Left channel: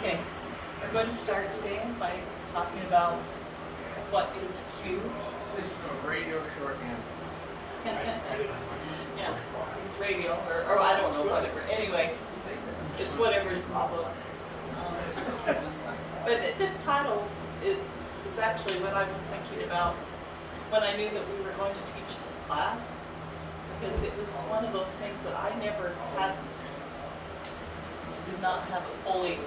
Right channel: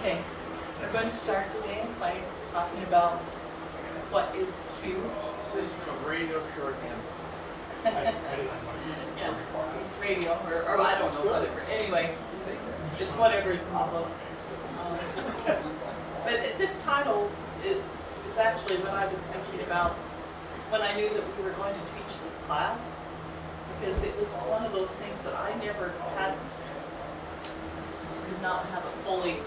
Okay, I'm going to start today by talking about what is Q. This is a radio shorthand. Yeah, it's radio, or I don't know, whatever. Anyway, it's whatever's in the book. But this title is actually what I was thinking about when I knew that we were going to teach this class, because it was one of those things that I never had, did not have it fully.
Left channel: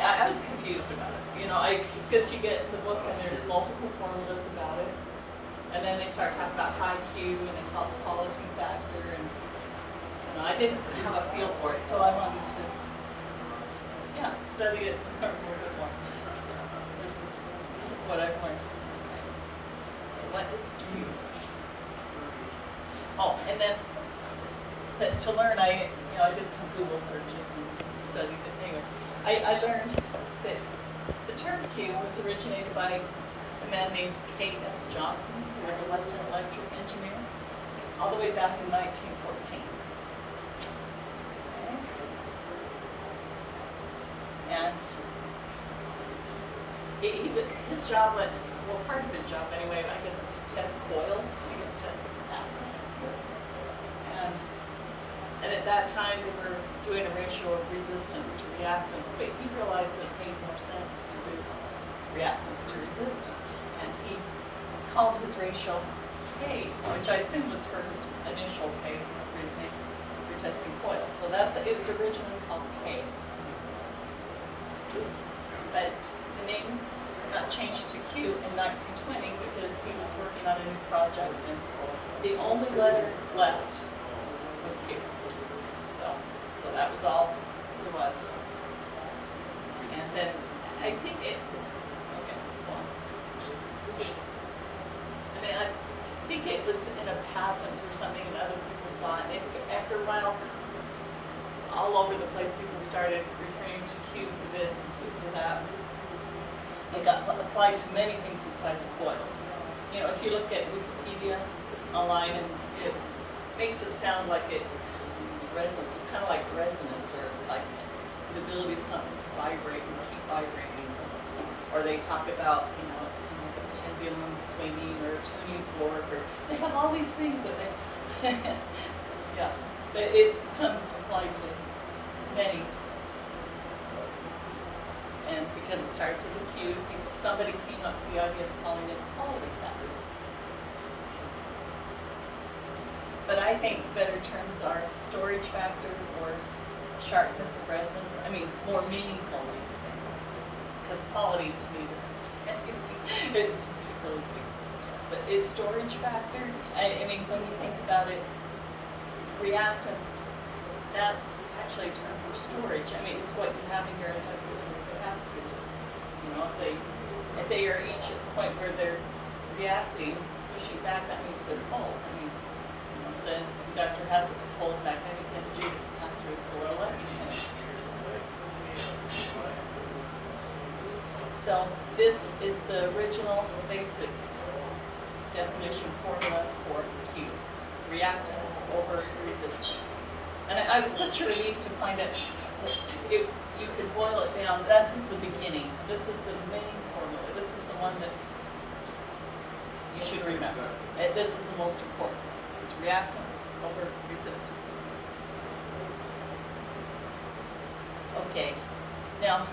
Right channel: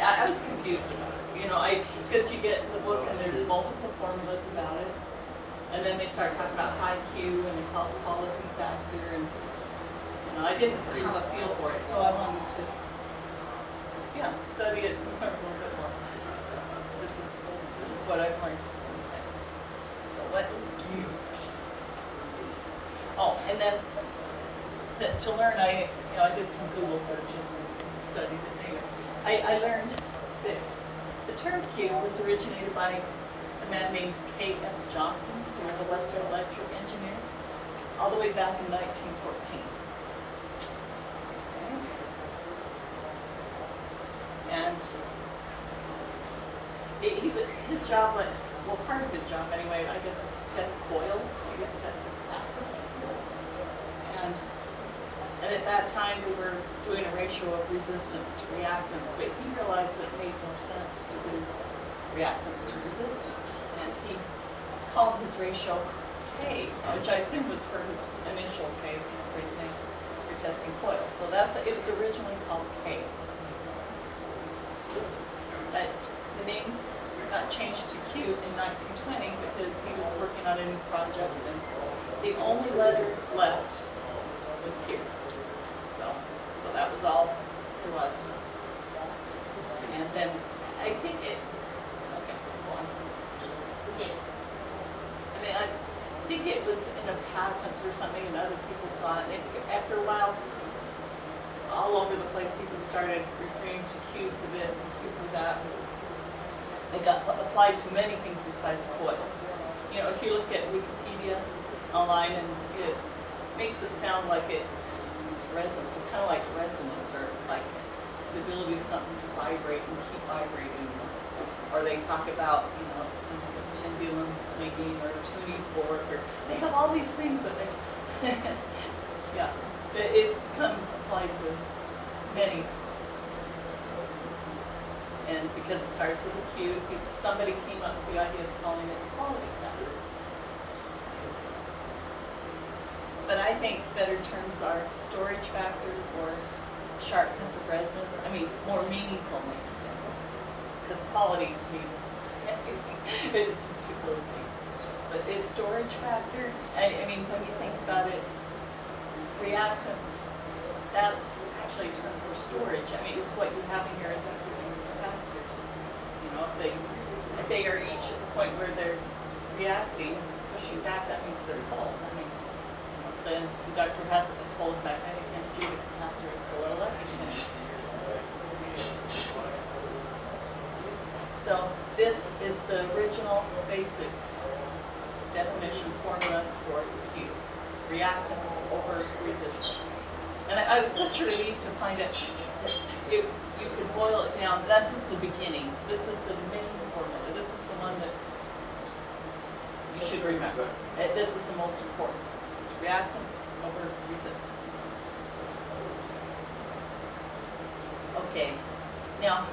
I was confused about it, because you get the book and there's multiple formulas about it, and then they start talking about high Q and they call it quality factor, and I didn't have a feel for it, so I wanted to, study it and learn a little bit more. So this is what I've learned. So what is Q? Oh, and then to learn, I did some Google searches and studied it. Anyway, I learned that the term Q was originated by a man named K.S. Johnson, who was a Western electric engineer, all the way back in 1914. And his job, part of his job anyway, I guess, was to test coils, test the capacitance of coils. And at that time, they were doing a ratio of resistance to reactance, but he realized that it made more sense to do reactance to resistance. And he called his ratio K, which I assume was for his initial K, for his name, for testing coils. So it was originally called K. But the name got changed to Q in 1920 because he was working on a new project, and the only letter left was Q. So that was all there was. And then I think I think it was in a patent or something, and other people saw it. And after a while, all over the place, people started referring to Q for this and Q for that. It got applied to many things besides coils. If you look at Wikipedia online, and it makes it sound like it's resonant, kind of like resonance, or it's like the ability of something to vibrate and keep vibrating. Or they talk about, it's kind of like a pendulum swinging or a tuning fork, or they have all these things that they, it's become applied to many things. And because it starts with a Q, somebody came up with the idea of calling it quality factor. But I think better terms are storage factor or sharpness of resonance. More meaningful names. Because quality to me it's particularly big. But it's storage factor. When you think about it, reactance, that's actually a term for storage. It's what you have in your inductors and capacitors. If they are each at the point where they're reacting, pushing back, that means they're full. That means the inductor has its full magnetic energy, the capacitor is full electric energy. So this is the original basic definition formula for Q, reactance over resistance. And I was such a relief to find that you could boil it down. This is the beginning. This is the main formula. This is the one that you should remember. This is the most important. It's reactance over resistance. Okay, now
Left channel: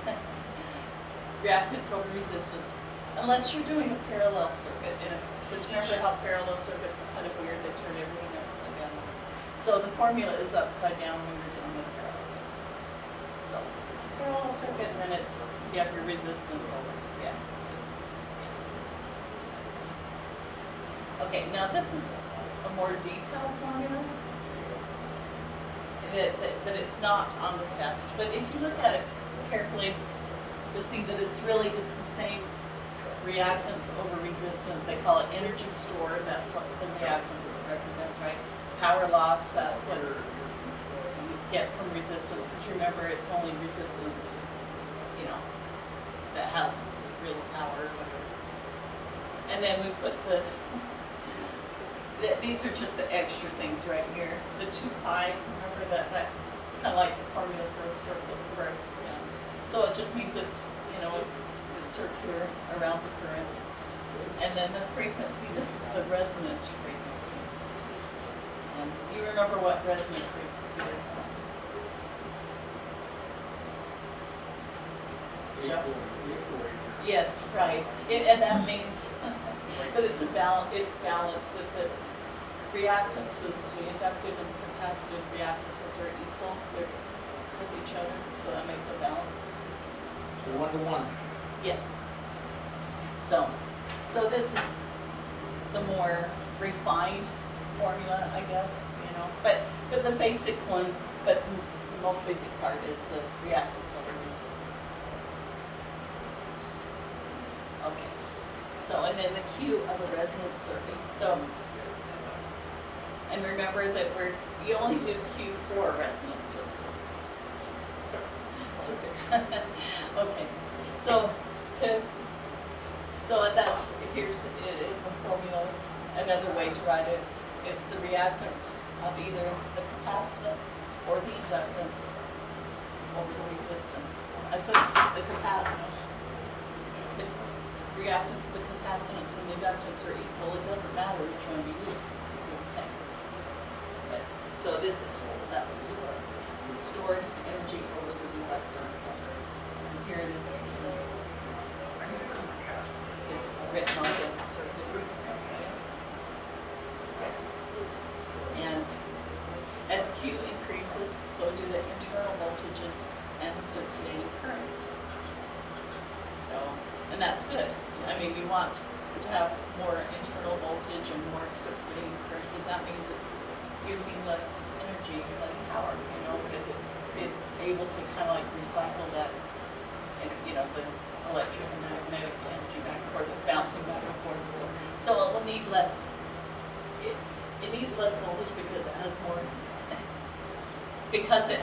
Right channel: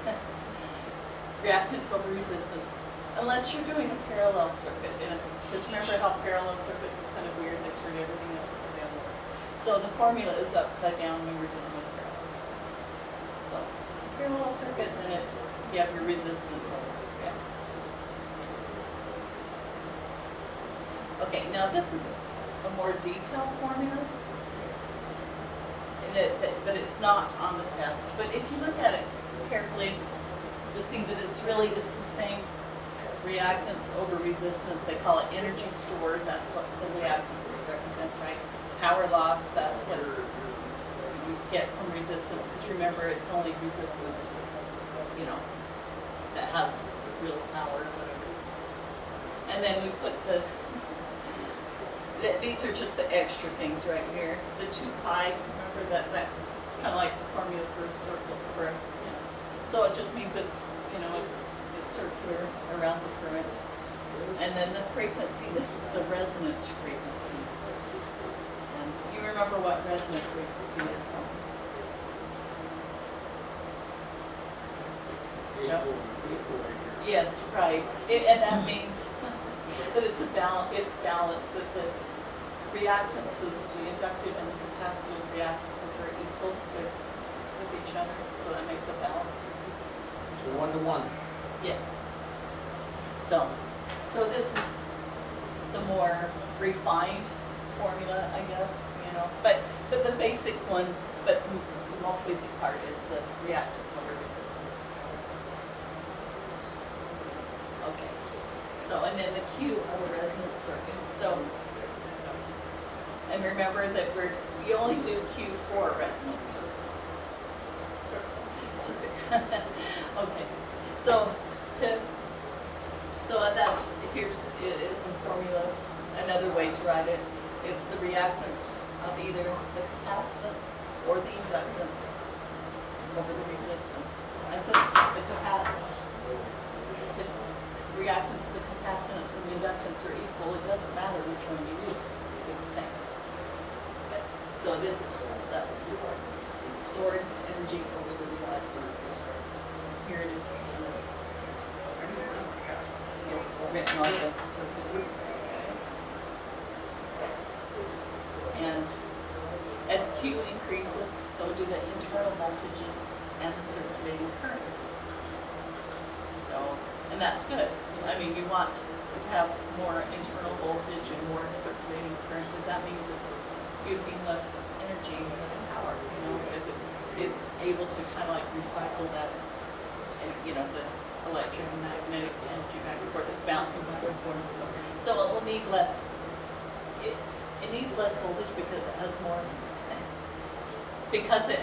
reactance over resistance. Unless you're doing a parallel circuit, because remember how parallel circuits are kind of weird, they turn everything upside down. So the formula is upside down when we were dealing with parallel circuits. So it's a parallel circuit, and then you have your resistance over reactance. Okay, now this is a more detailed formula, but it's not on the test. But if you look at it carefully, you'll see that it's the same reactance over resistance. They call it energy stored. That's what the reactance represents, right? Power loss, that's what you get from resistance, because remember, it's only resistance, that has real power or whatever. And then we put these are just the extra things right here. The 2 pi, remember that It's kind of like the formula for a circuit, for, so it just means it's, it's circular around the current. And then the frequency, this is the resonant frequency. And you remember what resonant frequency is? Jeff? Yes, right. And that means that it's balanced, that the reactances, the inductive and capacitive reactances are equal with each other, so that makes a balance. So 1 to 1. Yes. So this is the more refined formula, I guess, but the basic one, but the most basic part is the reactance over resistance. Okay. So, and then the Q of a resonance circuit. So, and remember that you only do Q for resonance circuits. Circuits. Okay. So it is in formula. Another way to write it, it's the reactance of either the capacitance or the inductance over the resistance. And since the reactance of the capacitance and the inductance are equal, it doesn't matter which one you use, because they're the same. Okay. So that's stored energy over the resistance. Here it is. It's written on the circuit. Okay. And as Q increases, so do the internal voltages and the circulating currents. So, and that's good. I mean, we want to have more internal voltage and more circulating current, because that means it's using less energy, less power, because it's able to kind of like recycle that, the electric and magnetic energy back and forth. It's bouncing back and forth. So it will need less, it needs less voltage because it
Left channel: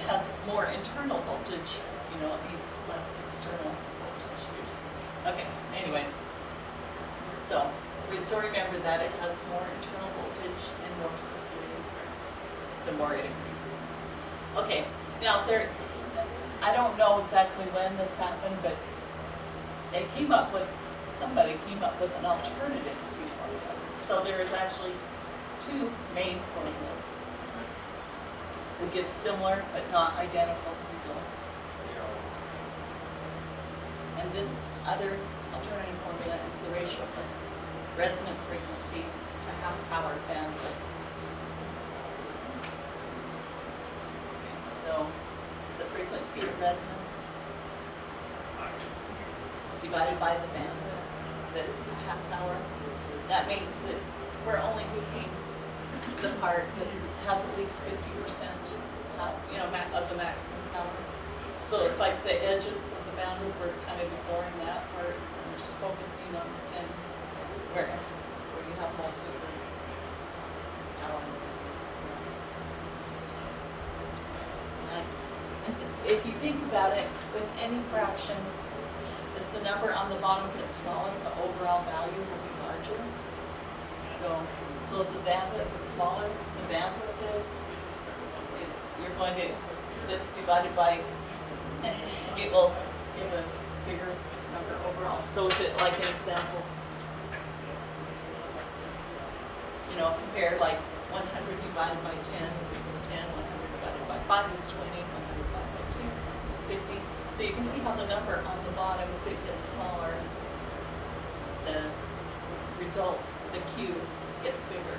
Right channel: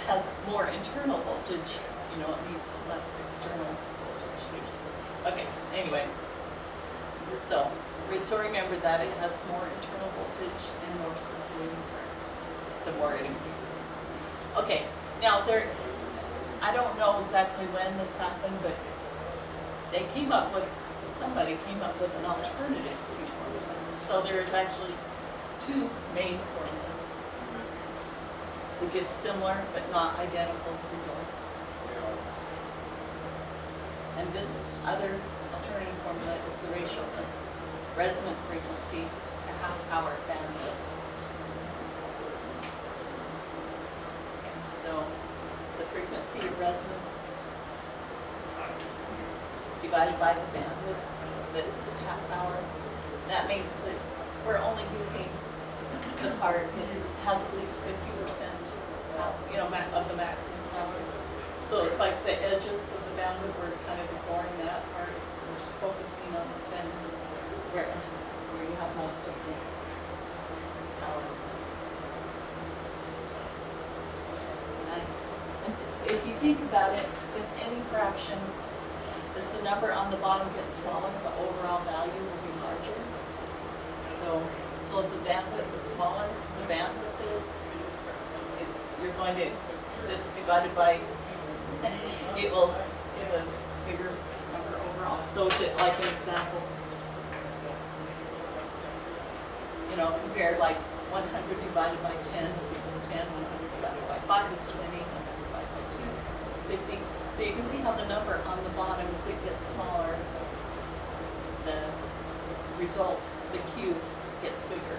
has more internal voltage, it needs less external voltage. Okay, anyway. So remember that it has more internal voltage and more circulating current the more it increases. Okay, now I don't know exactly when this happened, but somebody came up with an alternative Q formula. So there is actually two main formulas that give similar but not identical results. And this other alternative formula is the ratio of resonant frequency to half power bandwidth. Okay, so it's the frequency of resonance divided by the bandwidth that's half power. That means that we're only using the part that has at least 50% of the maximum power. So it's like the edges of the bandwidth, we're kind of ignoring that part. We're just focusing on the center where you have most of the power. And if you think about it, with any fraction, as the number on the bottom gets smaller, the overall value will be larger. So the bandwidth is smaller, the bandwidth is, you're going to, this divided by, it will give a bigger number overall. So is it like an example? Compare like 100 divided by 10 is equal to 10, 100 divided by 5 is 20, 100 divided by 2 is 50. So you can see how the number on the bottom, as it gets smaller, the result, the Q, gets bigger.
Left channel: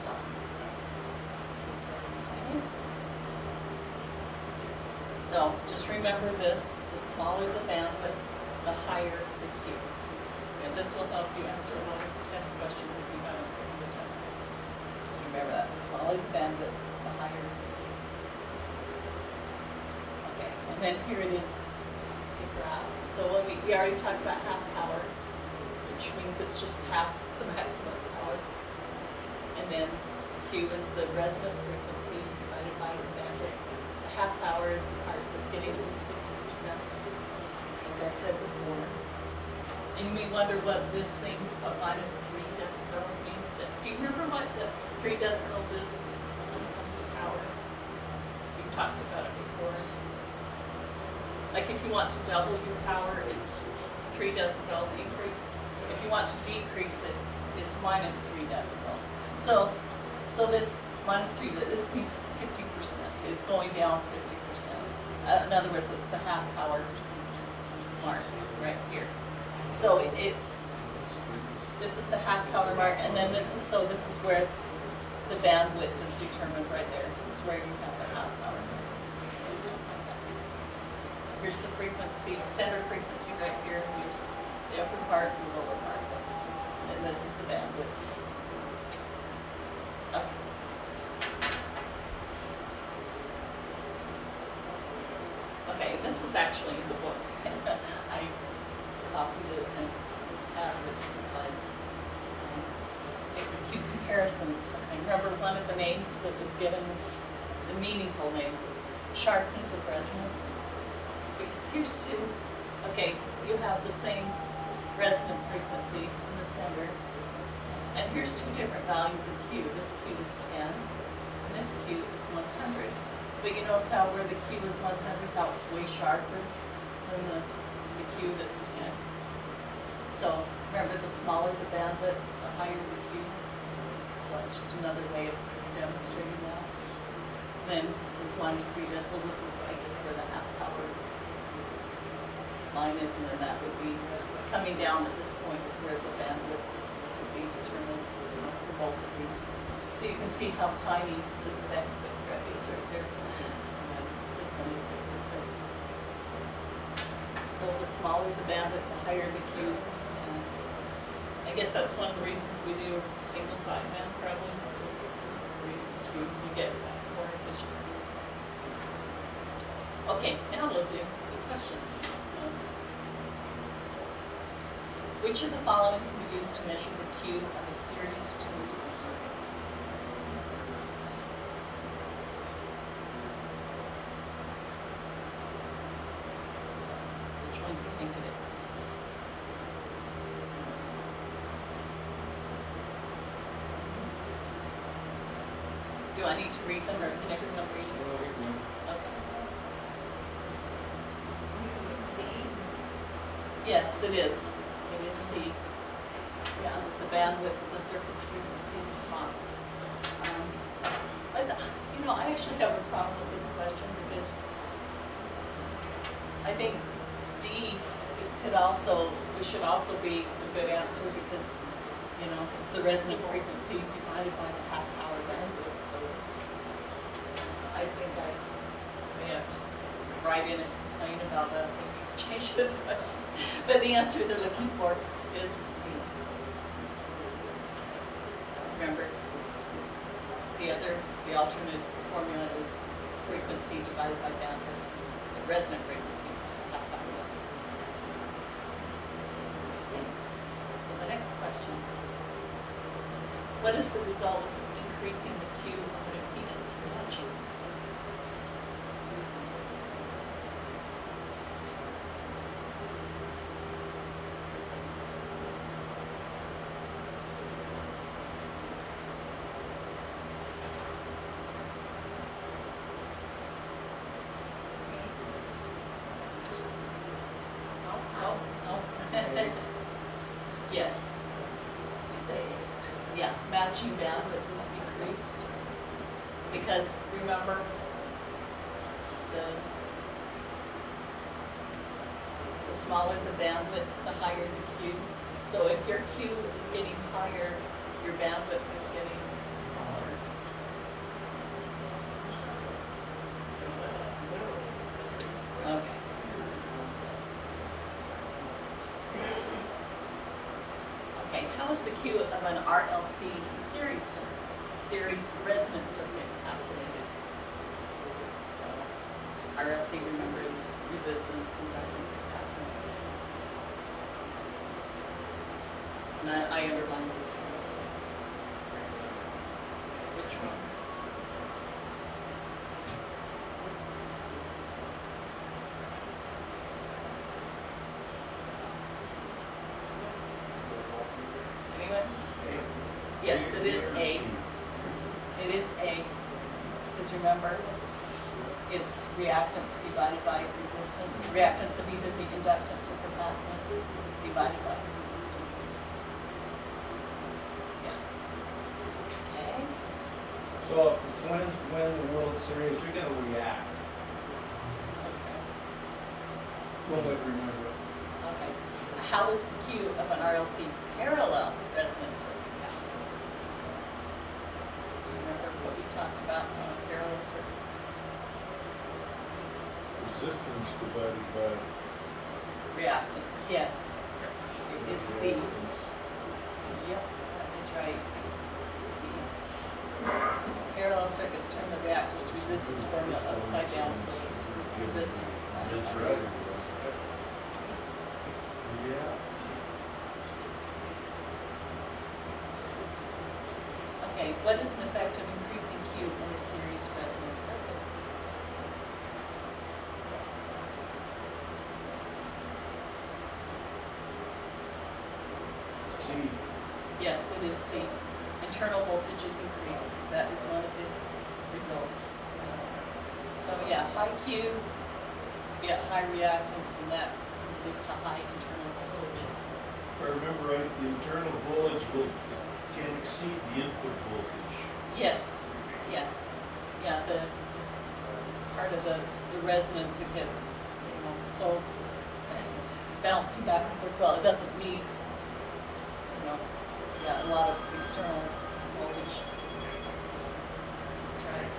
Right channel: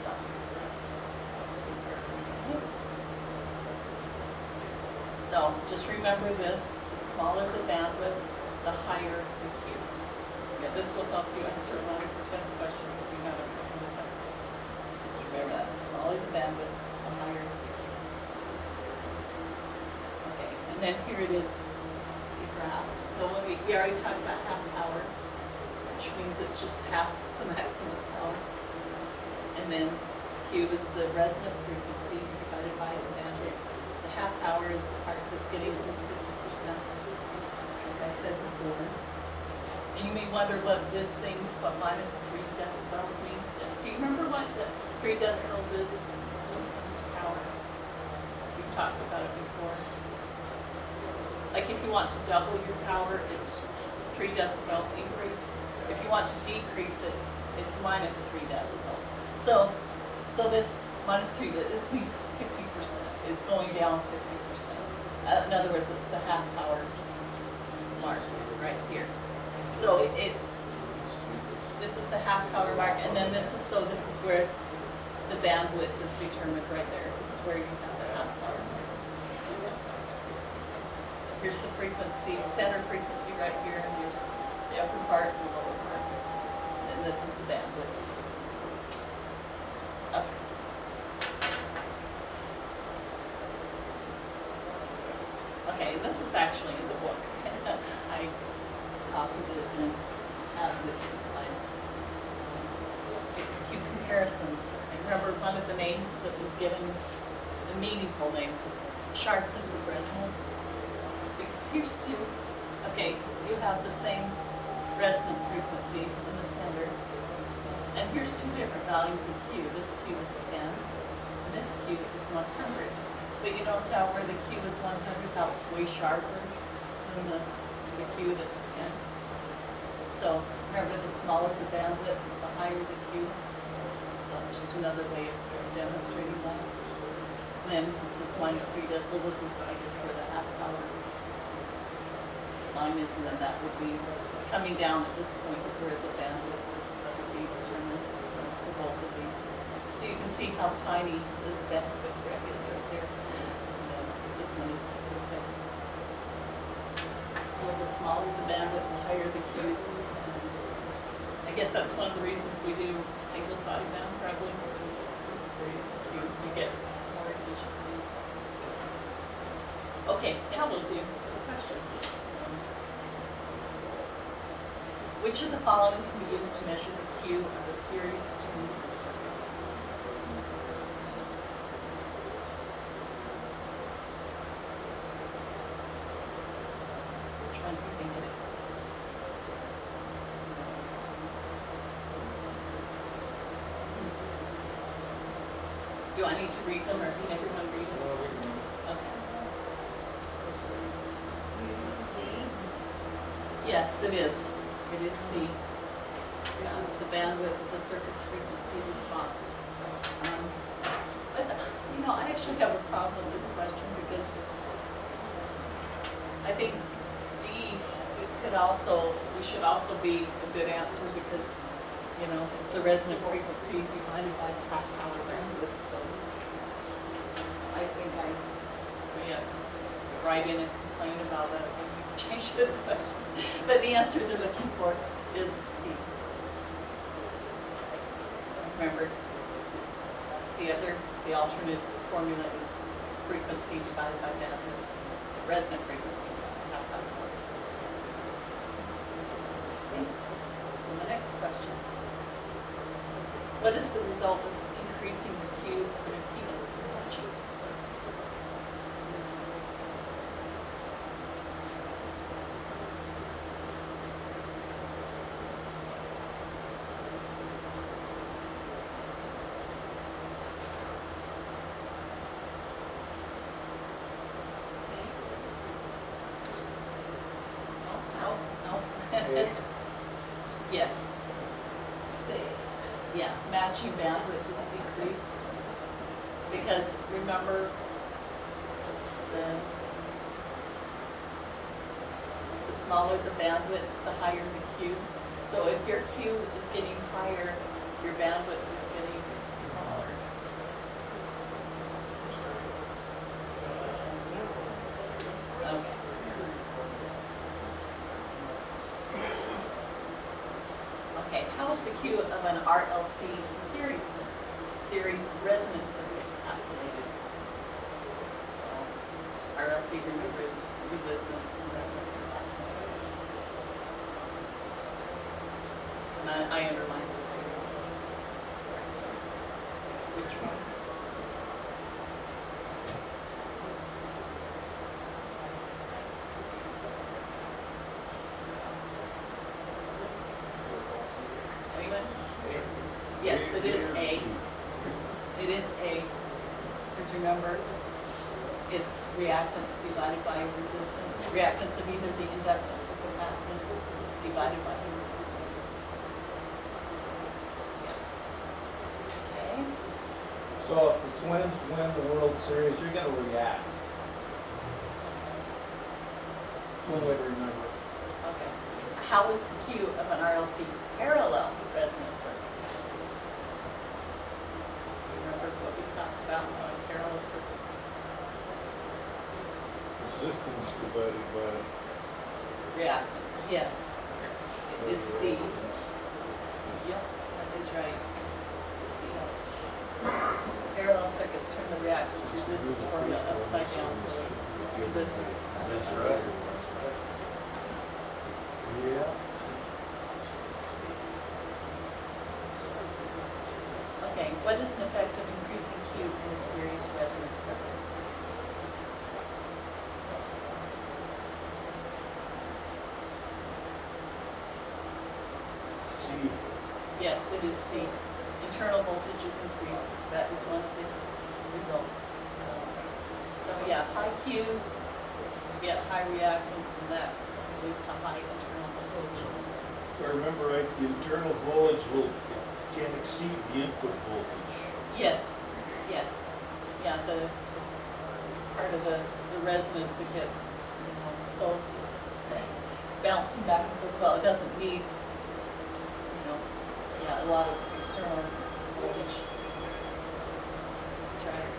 So, okay. So just remember this: the smaller the bandwidth, the higher the Q. Yeah, this will help you answer a lot of the test questions if you haven't taken the test. Just remember that: the smaller the bandwidth, the higher the Q. Okay, and then here it is, the graph. So we already talked about half power, which means it's just half the maximum power. And then Q is the resonant frequency divided by the bandwidth. The half power is the part that's getting at least 50%, like I said before. And you may wonder what this thing, what minus 3 decibels mean. Do you remember what the 3 decibels is when it comes to power? talked about it before. Like if you want to double your power, it's 3 decibel increase. If you want to decrease it, it's minus 3 decibels. So this minus 3, this means 50%. It's going down 50%. In other words, it's the half power mark right here. So this is the half power mark, and then this is where the bandwidth is determined right there. This is where you have the half power mark. So here's the frequency, center frequency right here, and here's the upper part and the lower part. And this is the bandwidth. Okay. Okay, this is actually in the book. I copied it and added it to the slides. Q comparisons. I remember one of the names that was given, the meaningful names, is sharpness of resonance. Because here's two. Okay, you have the same resonant frequency in the center. And here's two different values of Q. This Q is 10, and this Q is 100. But you notice how where the Q is 100, how it's way sharper than the Q that's 10. So remember, the smaller the bandwidth, the higher the Q. So that's just another way of demonstrating that. And then this is minus 3 decibel. This is, I guess, where the half power line is, and then that would be coming down at this point is where the bandwidth would be determined, for both of these. So you can see how tiny this bandwidth is right here. This one is bigger. So the smaller the bandwidth, the higher the Q. I guess that's one of the reasons we do single sideband, probably. Raise the Q, you get more efficiency. Okay, now we'll do questions. Which of the following can be used to measure the Q of a series tuned circuit? So, which one do you think it is? Do I need to read them, or can everyone read them? Okay. Yes, it is. It is C. Yeah, the bandwidth of the circuit's frequency response. But, I actually have a problem with this question because I think D should also be a good answer because, it's the resonant frequency divided by the half power bandwidth. So I think I may have to write in and complain about us and change this question. But the answer they're looking for is C. So remember, the alternate formula is frequency divided by bandwidth, resonant frequency divided by half power bandwidth. So the next question. What is the result of increasing the Q of an impedance matching circuit? No. Yes. Yeah, matching bandwidth is decreased because remember the smaller the bandwidth, the higher the Q. So if your Q is getting higher, your bandwidth is getting smaller. Okay. Okay, how is the Q of an RLC series resonant circuit calculated? So RLC, remember, is resistance, inductance, capacitance. And I underlined this here. Which one? Yes, it is A. It is A. Because remember, it's reactance divided by resistance, reactance of either the inductance or capacitance divided by the resistance. Yeah. Okay. So if the Twins win the World Series, you're gonna react. That's one way to remember. Okay. How is the Q of an RLC parallel resonance circuit? You remember what we talked about on parallel circuits? Resistance divided by. Reactance, yes. It is C. Yep, that is right. C. Parallel circuits turn the reactance resistance formula upside down, so it's resistance. That's right. Yeah. Okay, what is an effect of increasing Q in a series resonance circuit? C. Yes, it is C. Internal voltages increase. That is one of the results. So yeah, high Q, get high reactance, and that leads to high internal voltage. If I remember right, the internal voltage can exceed the input voltage. Yes, yes. Yeah, it's part of the resonance it gets, so bouncing back and forth. Well, it doesn't need, a lot of external voltage. That's right.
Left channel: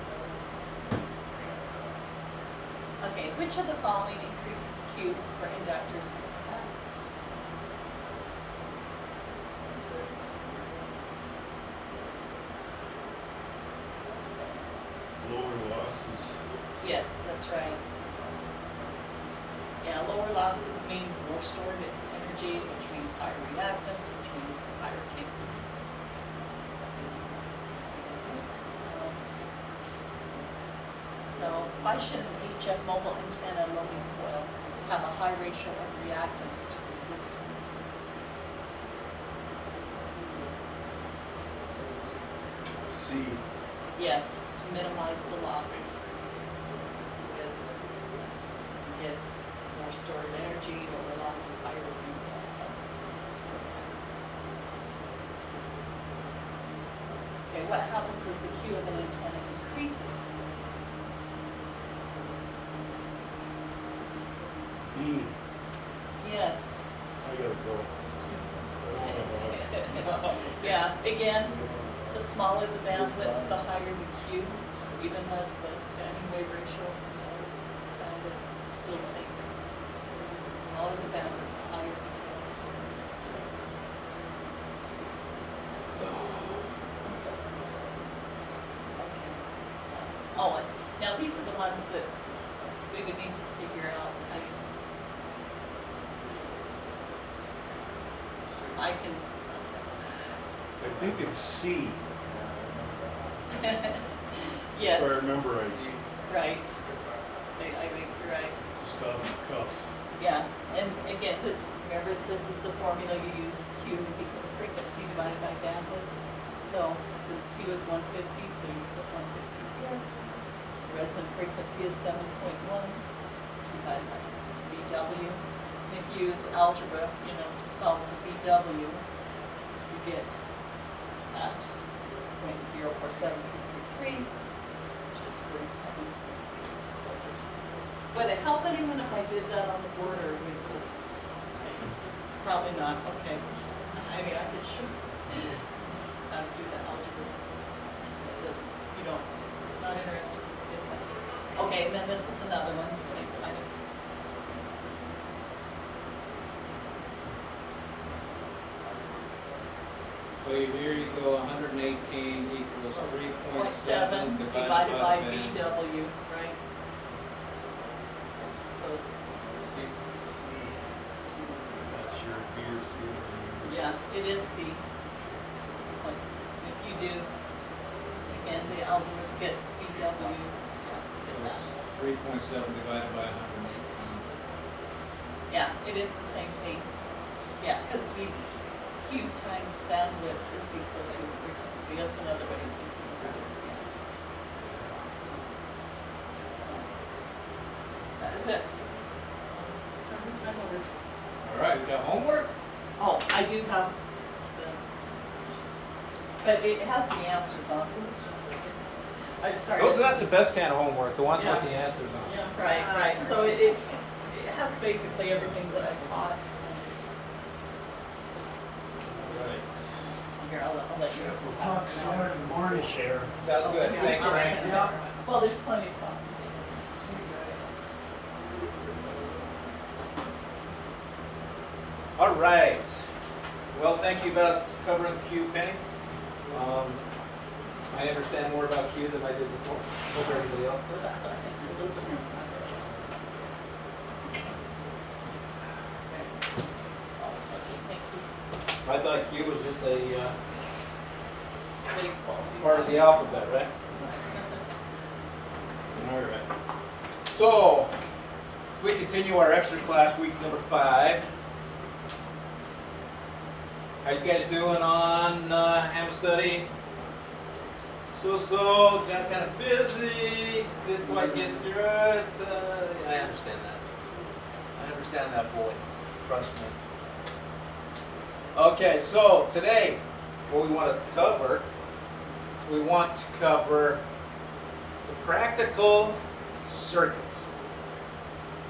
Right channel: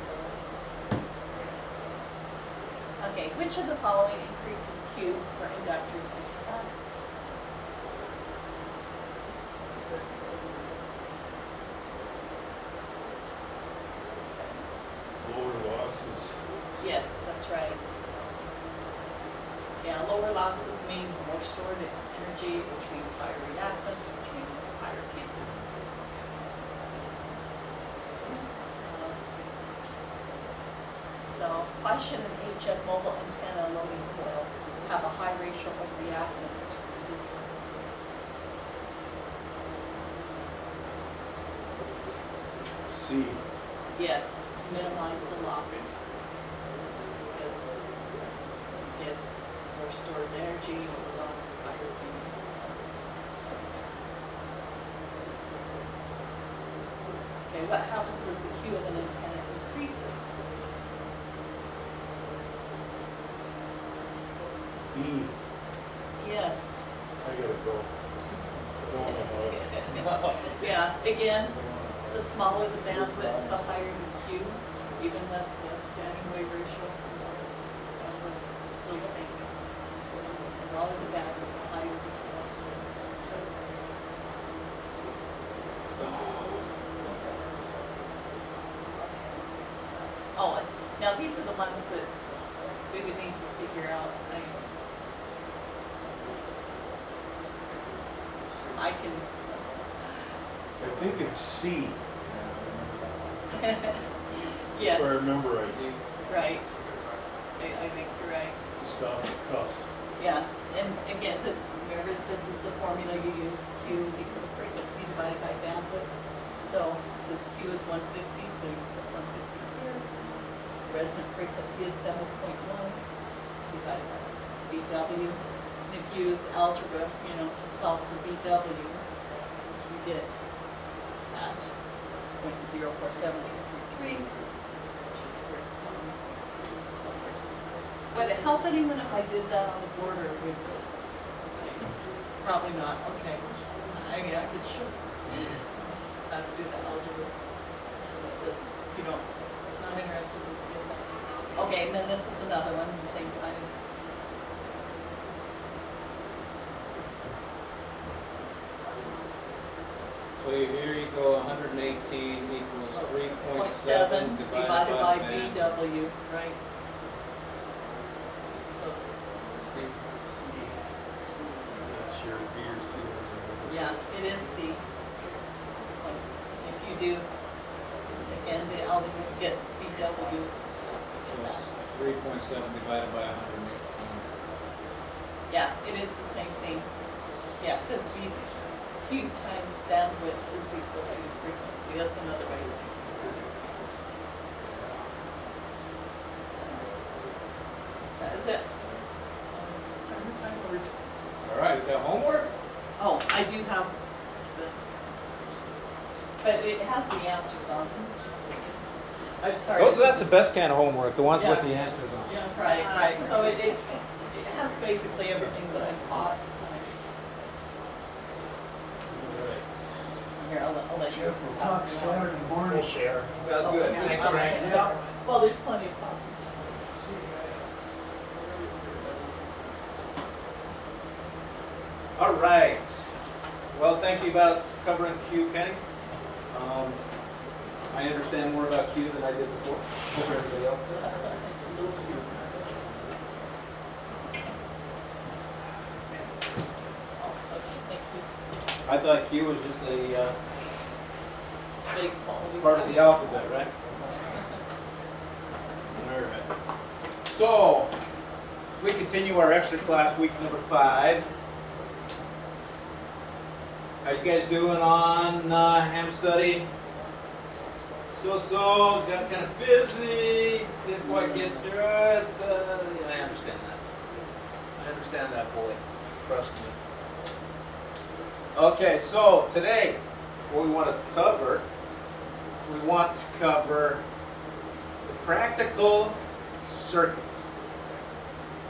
Okay, which of the following increases Q for inductors and capacitors? Lower losses. Yes, that's right. Yeah, lower losses mean more stored energy, which means higher reactance, which means higher Q. So why should an HF mobile antenna loading coil have a high ratio of reactance to resistance? C. Yes, to minimize the losses. Because you get more stored energy, lower losses, higher Q. Okay, what happens as the Q of an antenna increases? B. Yes. I gotta go. I don't know. Yeah, again, the smaller the bandwidth, the higher the Q, even at the standing wave ratio, bandwidth, it's still safe. The smaller the bandwidth, the higher the Q. Oh, and now these are the ones that we would need to figure out. I can. I think it's C. Yes. If I remember right. Right. I think you're right. Just off the cuff. Yeah, and again, remember, this is the formula you use. Q is equal to frequency divided by bandwidth. So it says Q is 150, so you put 150 here. Resonant frequency is 7.1 divided by BW. And if you use algebra, to solve for BW, you get at 0.047333, which is 47. Would it help anyone if I did that on the board, or would just probably not? Okay. I mean, I could have to do the algebra. If you don't, not interested in it. Okay, and then this is another one, the same kind of. So here you go, 118 equals 3.7 divided by band. BW, right? So, C. I'm not sure, B or C. I don't remember. yeah, it is C. But if you do, again, the algebra to get BW. So it's 3.7 divided by 118. Yeah, it is the same thing. Yeah, because the Q times bandwidth is equal to frequency. That's another way of thinking about it. So, is it? Time over. All right, we got homework? Oh, I do have the, but it has the answers on, so it's just, I've started. Oh, so that's the best kind of homework, the ones with Yeah. the answers on. Yeah, right, so it has basically everything that I taught. Right. Here, I'll let you. We'll pass talk it out. Saturday morning. Share. Sounds good, Yeah. thanks, Frank. Yeah. Well, there's plenty of copies. See you guys. All right. Well, thank you about covering Q, Penny. I understand more about Q than I did before. Hope everybody else does. Thank you. I thought Q was just a Big quality. part of the alphabet, right? All right. So, as we continue our extra class, week number 5. How you guys doing on ham study? So, got kind of busy, didn't quite get through it. Yeah, I understand that. I understand that fully. Trust me. Okay, so today, what we want to cover is we want to cover the practical circuits.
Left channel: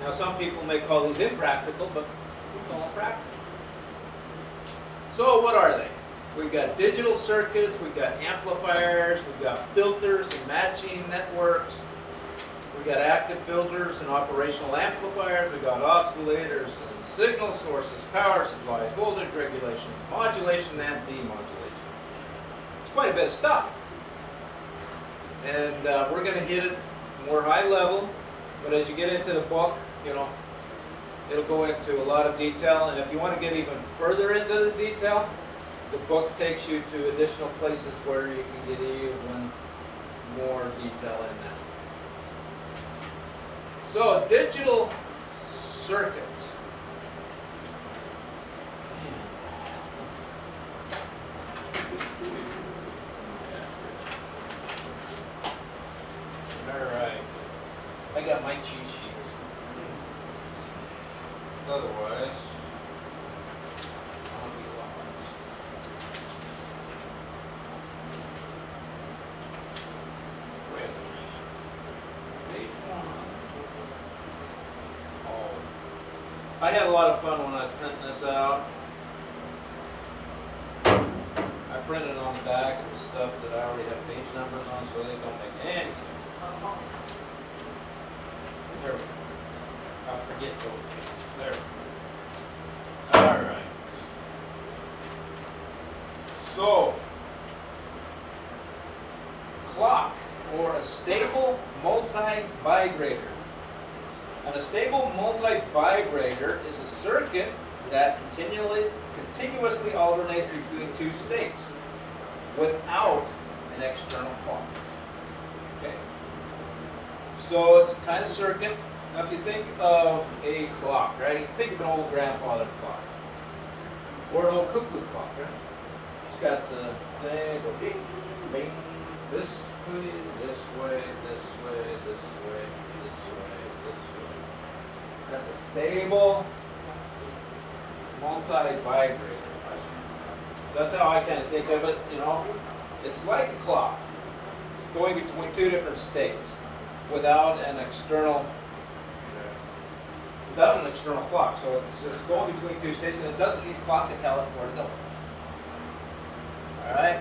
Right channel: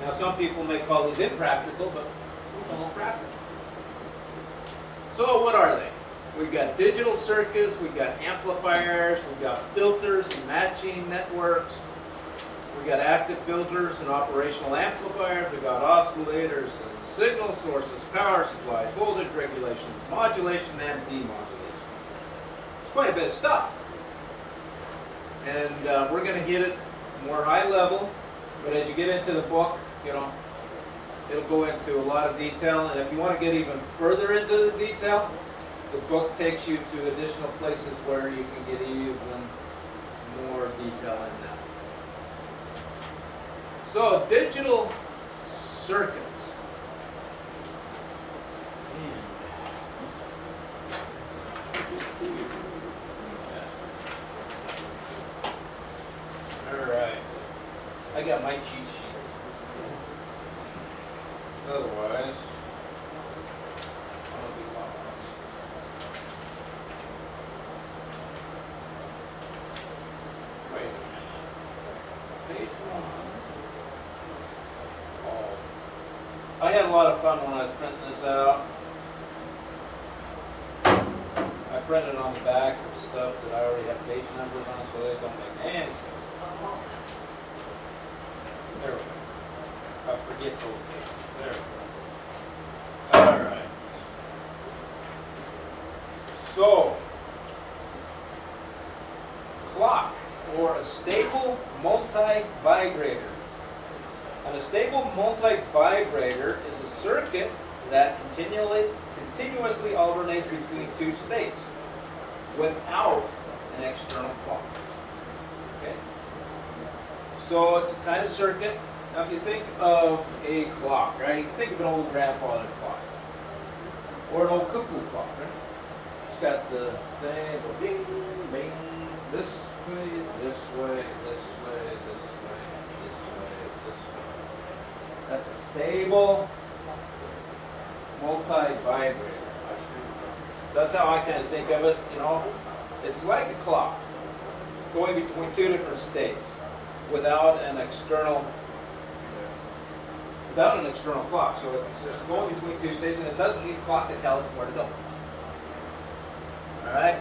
Now, some people may call these impractical, but we call them practical. So, what are they? We've got digital circuits, we've got amplifiers, we've got filters and matching networks, we've got active filters and operational amplifiers, we've got oscillators and signal sources, power supplies, voltage regulations, modulation and demodulation. It's quite a bit of stuff. And we're going to hit it more high level, but as you get into the book, it'll go into a lot of detail, and if you want to get even further into the detail, the book takes you to additional places where you can get even more detail in that. So, digital circuits. All right. I got my cheat sheets. Otherwise, I'll be lost. Wait a minute. Page 1. Oh. I had a lot of fun when I was printing this out. I printed on the back of stuff that I already had page numbers on, so they don't make any sense. There. I forget those pages. There. All right. So, clock, or a stable multi-vibrator. And a stable multi-vibrator is a circuit that continuously alternates between two states without an external clock. Okay? So it's a kind of circuit. Now if you think of a clock, right? You think of an old grandfather clock. Or an old cuckoo clock, right? It's got the thing, go ding, ding, this way, this way, this way, this way, this way, this way. That's a stable multi-vibrator. That's how I kind of think of it, It's like a clock going between two different states without an external clock. So it's going between two states, and it doesn't need a clock to tell it where to go. All right.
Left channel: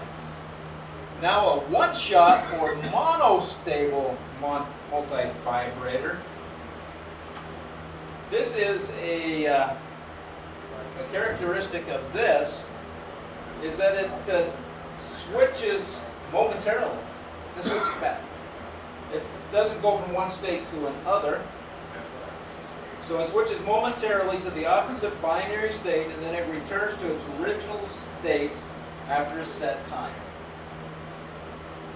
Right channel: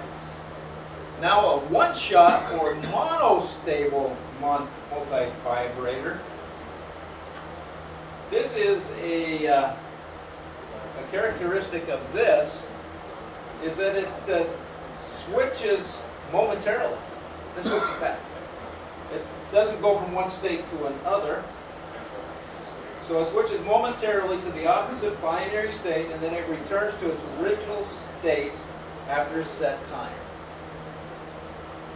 Now a one-shot or monostable multi-vibrator. This is a characteristic of this is that it switches momentarily. It switches back. It doesn't go from one state to another. So it switches momentarily to the opposite binary state, and then it returns to its original state after a set time.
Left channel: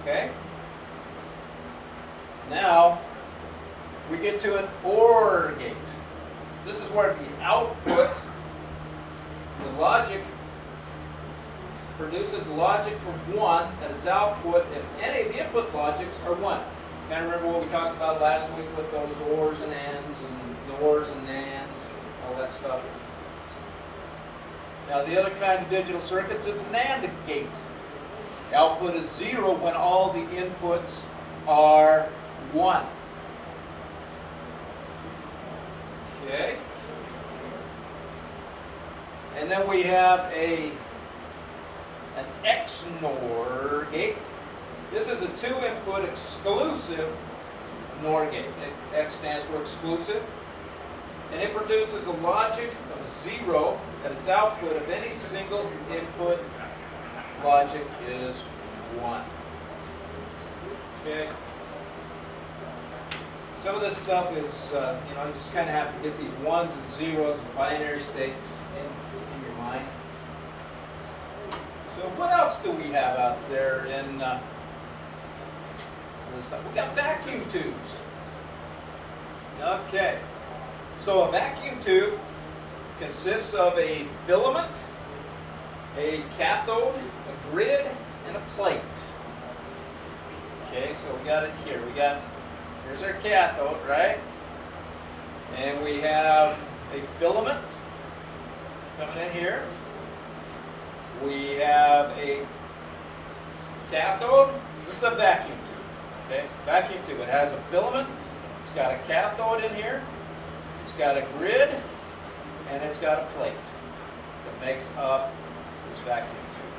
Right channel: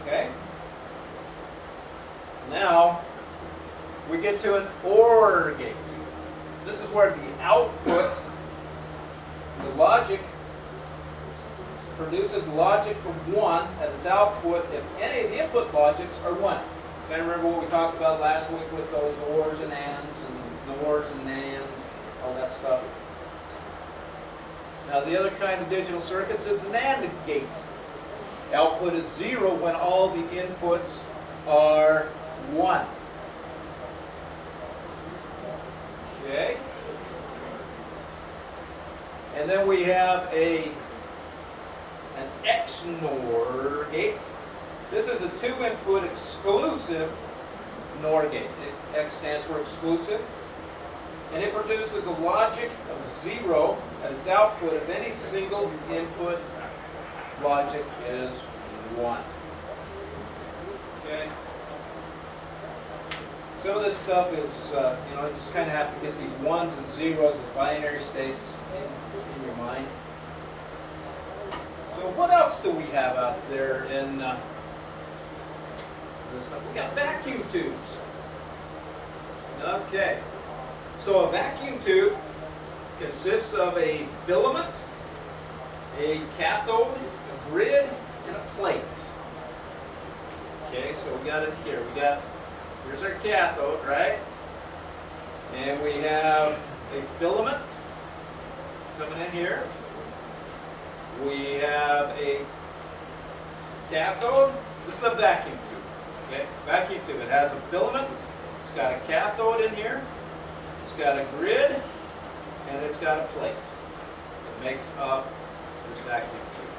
Okay? Now, we get to an OR gate. This is where the output, the logic, produces logic of 1 at its output if any of the input logics are 1. Kind of remember what we talked about last week with those ors and ands and nors and nans, all that stuff. Now the other kind of digital circuits is an AND gate. The output is 0 when all the inputs are 1. Okay. And then we have an XNOR gate. This is a 2-input exclusive NOR gate. X stands for exclusive. And it produces a logic of 0 at its output if any single input logic is 1. Okay? Some of this stuff is, you know, you just kind of have to get these ones and zeros and binary states in your mind. So what else do we have out there in this stuff? We got vacuum tubes. Okay. So a vacuum tube consists of a filament, a cathode, a grid, and a plate. Okay, so we got it here. Here's our cathode, right? And we have a filament coming in here. We have a cathode. This is a vacuum tube. Okay, vacuum tube. It has a filament. It's got a cathode in here. It's got a grid, and it's got a plate that makes up this vacuum tube.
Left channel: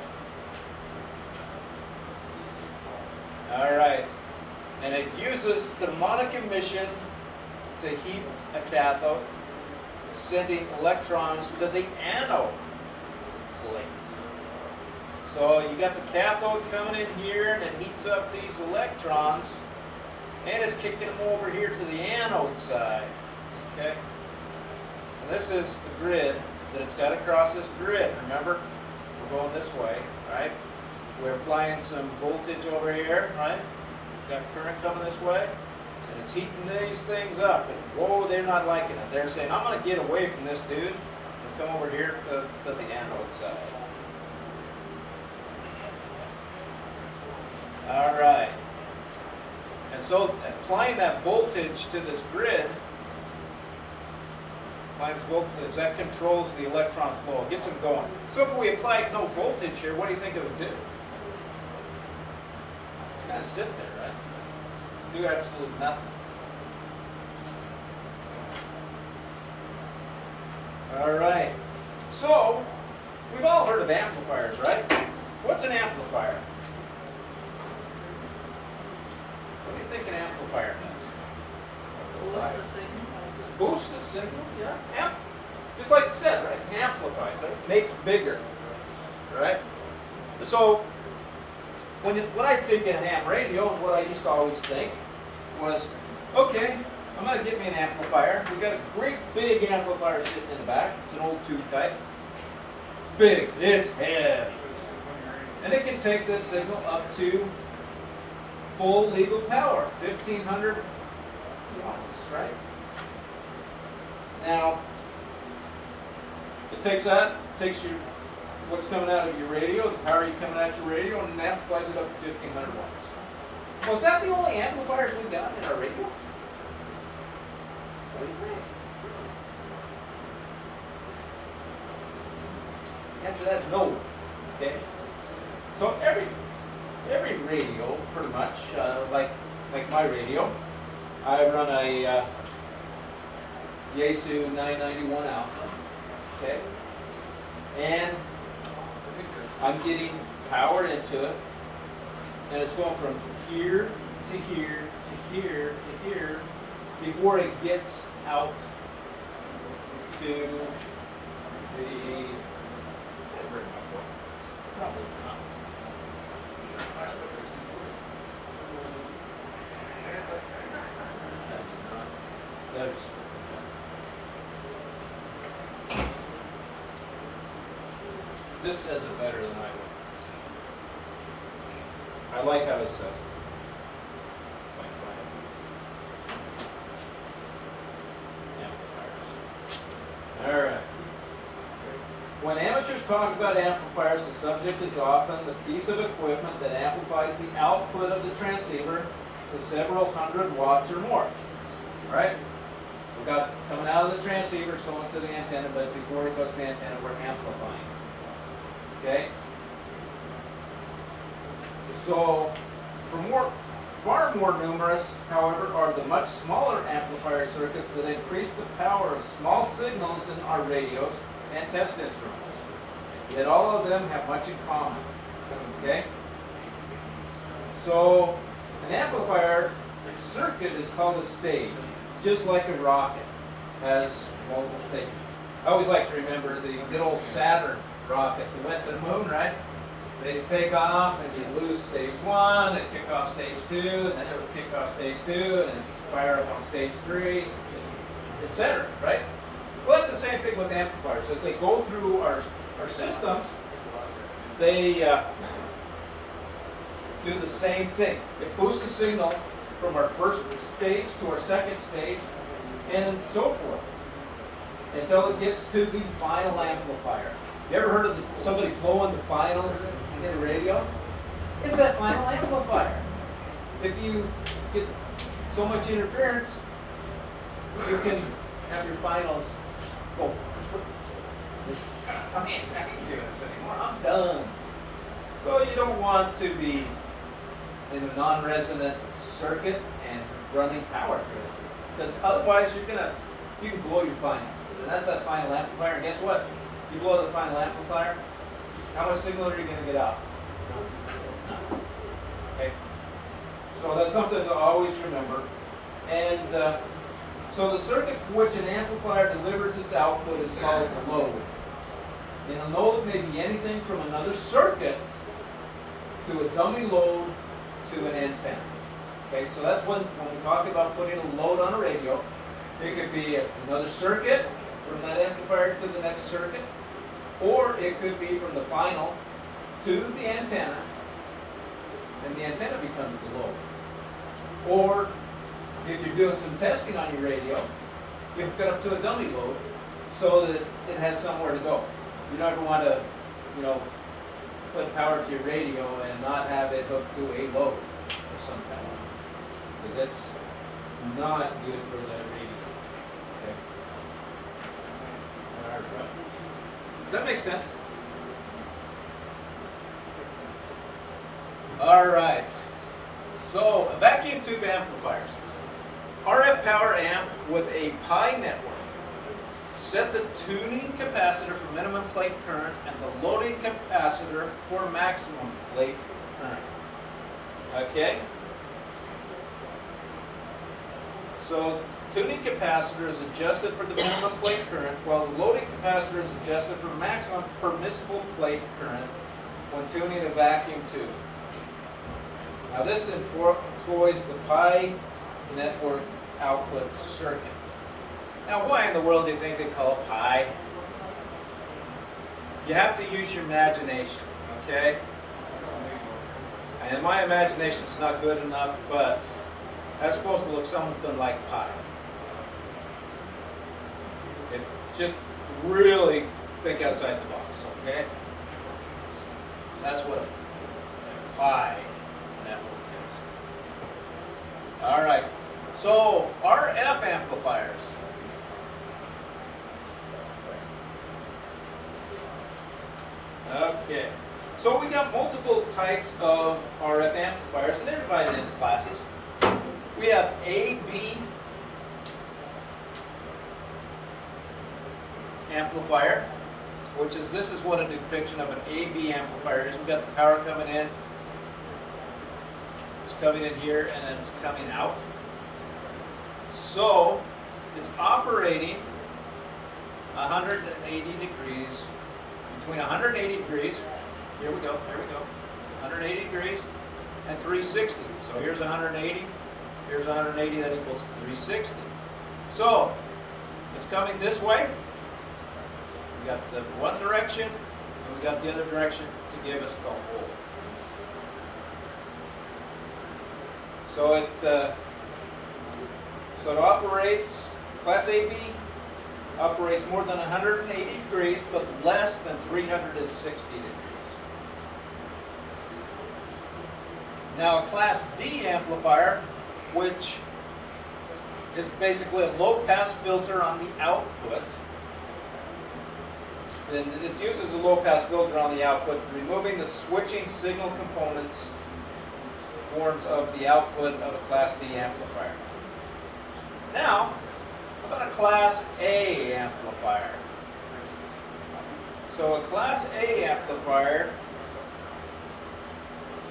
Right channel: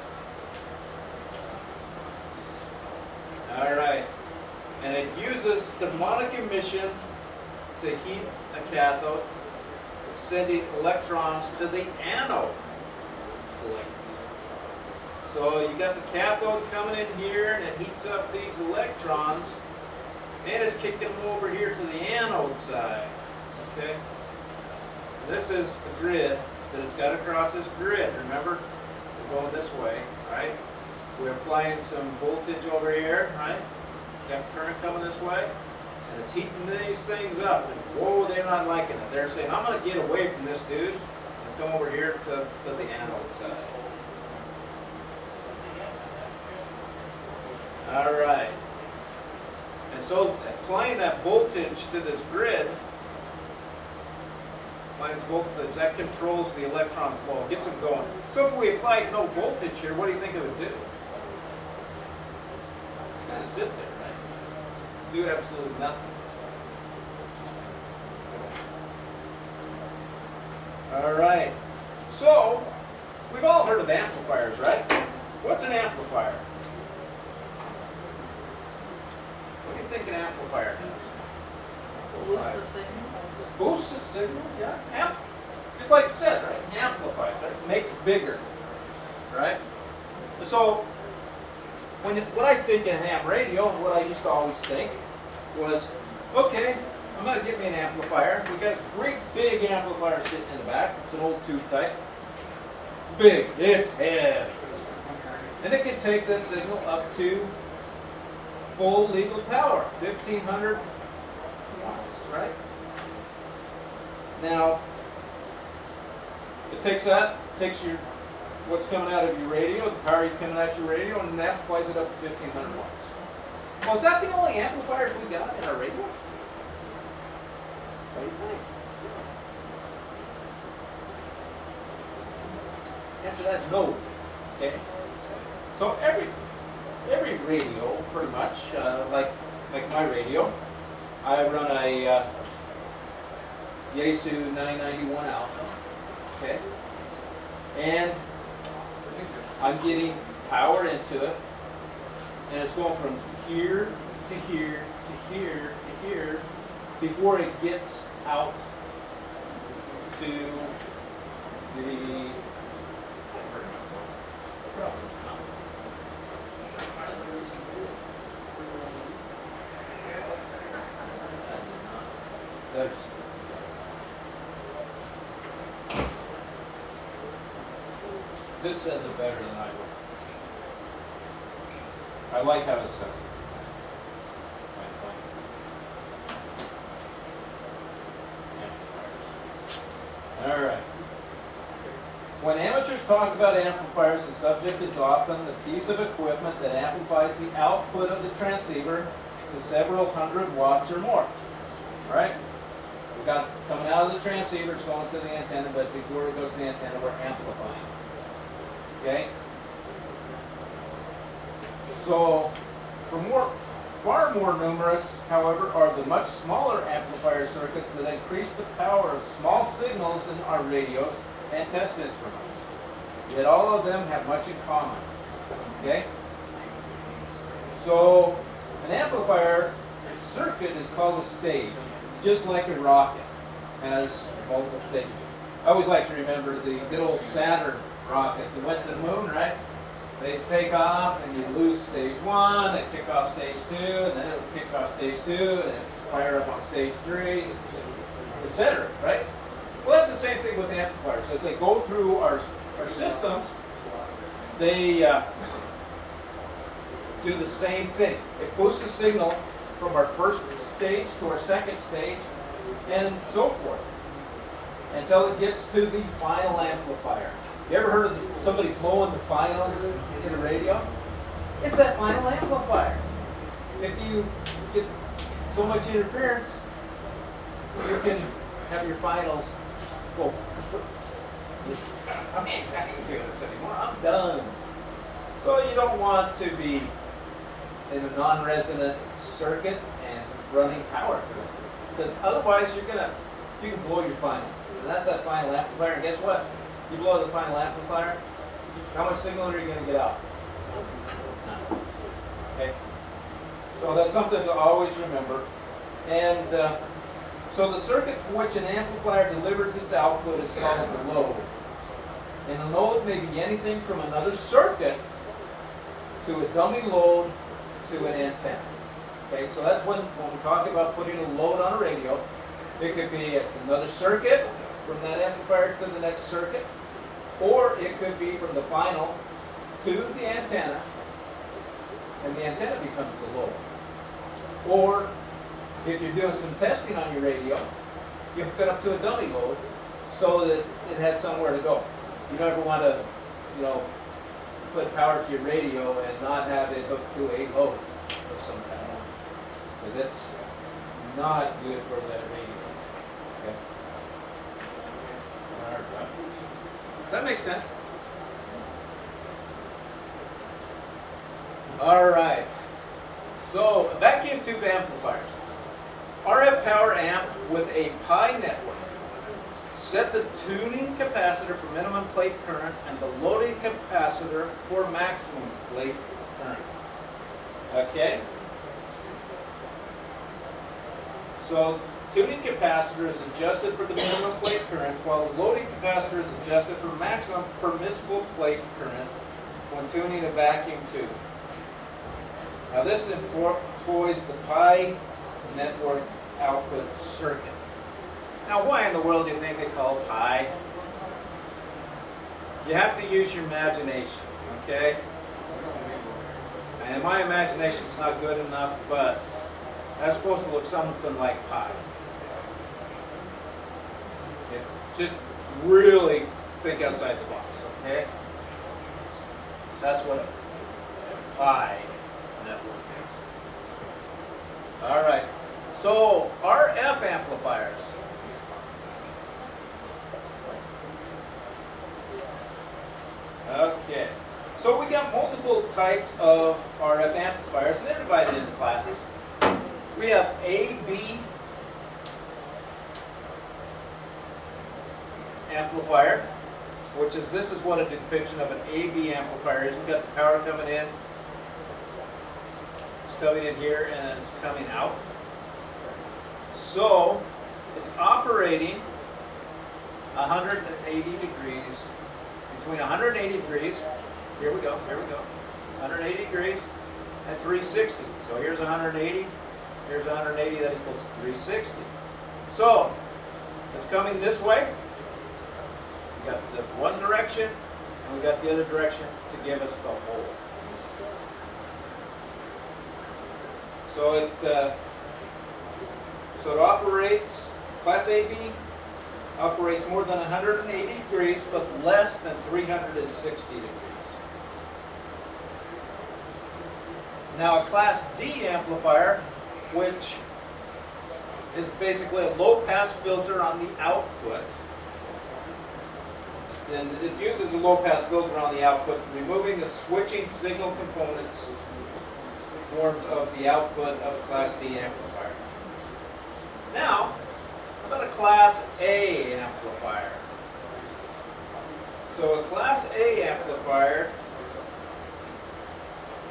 All right. And it uses thermonic emission to heat a cathode, sending electrons to the anode plate. So you got the cathode coming in here, and it heats up these electrons, and it's kicking them over here to the anode side. Okay? And this is the grid that it's got across this grid. Remember, we're going this way, right? We're applying some voltage over here, right? Got current coming this way, and it's heating these things up. And whoa, they're not liking it. They're saying, I'm going to get away from this dude and come over here to the anode side. All right. And so applying that voltage to this grid, applies voltage, that controls the electron flow, gets them going. So if we applied no voltage here, what do you think it would do? It's kind of sit there, right? Do absolutely nothing. All right. So we've all heard of amplifiers, right? What's an amplifier? What do you think an amplifier does? Boost the signal. Boosts the signal, yeah. Just like you said, right? Amplifies, right? Makes it bigger, right? So what I think in ham radio, and what I used to always think was, okay, I'm going to get me an amplifier. We got a great big amplifier sitting in the back. It's an old tube type. It's big. It's heavy. And it can take this signal up to full legal power, 1,500 watts, right? Now, it takes your what's coming out of your radio, the power you're coming out your radio, and that amplifies it up to 1,500 watts. Well, is that the only amplifiers we got in our radios? What do you think? The answer to that is no. Okay. So every radio, pretty much, like my radio, I run a Yaesu 991 alpha. Okay. And I'm getting power into it, and it's going from here to here to here to here before it gets out to the. Probably not. This says it better than I do. I like how it says it. All right. When amateurs talk about amplifiers, the subject is often the piece of equipment that amplifies the output of the transceiver to several hundred watts or more. All right? We got coming out of the transceivers going to the antenna, but before it goes to the antenna, we're amplifying. Okay? So, far more numerous, however, are the much smaller amplifier circuits that increase the power of small signals in our radios and test instruments. Yet all of them have much in common. Okay? So, an amplifier circuit is called a stage, just like a rocket has multiple stages. I always like to remember the good old Saturn rockets that went to the moon, right? They take off and you lose stage 1, they kick off stage 2, and then it'll kick off stage 2, and it's fire up on stage 3, etc., right? Well, that's the same thing with amplifiers. As they go through our systems, they do the same thing. It boosts the signal from our first stage to our second stage, and so forth, until it gets to the final amplifier. You ever heard of somebody blowing the finals in a radio? It's that final amplifier. If you get so much interference, you can have your finals go. I can't do this anymore. I'm done. So you don't want to be in a non-resonant circuit and running power through it, because otherwise you can blow your finals, and that's that final amplifier. And guess what? You blow the final amplifier, how much signal are you going to get out? None. Okay. So that's something to always remember. And so the circuit to which an amplifier delivers its output is called the load. And the load may be anything from another circuit to a dummy load to an antenna. Okay, so that's when we talk about putting a load on a radio, it could be another circuit from that amplifier to the next circuit, or it could be from the final to the antenna, and the antenna becomes the load. Or if you're doing some testing on your radio, you hook it up to a dummy load so that it has somewhere to go. You don't ever want to, put power to your radio and not have it hooked to a load of some kind, because it's not good for that radio. Okay. Does that make sense? All right. So, vacuum tube amplifiers. RF power amp with a pi network. Set the tuning capacitor for minimum plate current and the loading capacitor for maximum plate current. Okay? So, tuning capacitor is adjusted for the minimum plate current, while the loading capacitor is adjusted for maximum permissible plate current when tuning a vacuum tube. Now this employs the pi network output circuit. Now why in the world do you think they call it pi? You have to use your imagination, okay? And my imagination's not good enough, but that's supposed to look something like pi. Okay? Just really think outside the box, okay? That's what a pi network is. All right. So RF amplifiers. Okay. So we got multiple types of RF amplifiers, and they're divided into classes. We have AB amplifier, which is, this is what a depiction of an AB amplifier is. We've got the power coming in. It's coming in here and then it's coming out. So it's operating 180 degrees, between 180 degrees, here we go, 180 degrees and 360. So here's 180, here's 180, that equals 360. So it's coming this way. We got the one direction and we got the other direction to give us the whole. So it operates, Class AB operates more than 180 degrees, but less than 360 degrees. Now a Class D amplifier which is basically a low-pass filter on the output. And it uses a low-pass filter on the output, removing the switching signal components forms of the output of a Class D amplifier. Now, how about a Class A amplifier? So a Class A amplifier,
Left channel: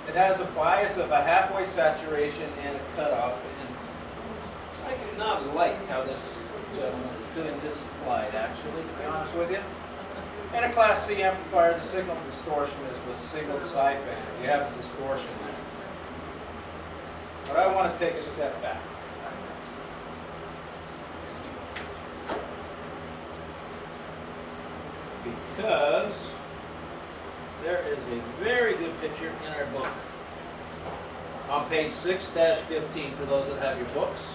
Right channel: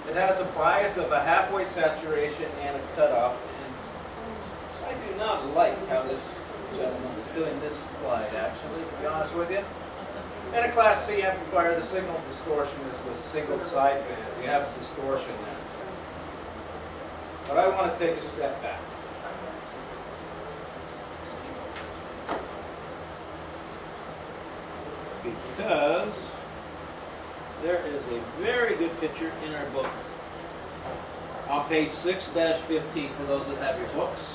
it has a bias of a halfway saturation and a cutoff. And I do not like how this gentleman is doing this slide, actually, to be honest with you. In a Class C amplifier, the signal distortion is with single sideband. You have distortion there. But I want to take a step back. Because there is a very good picture in our book. On page 6-15 for those that have your books.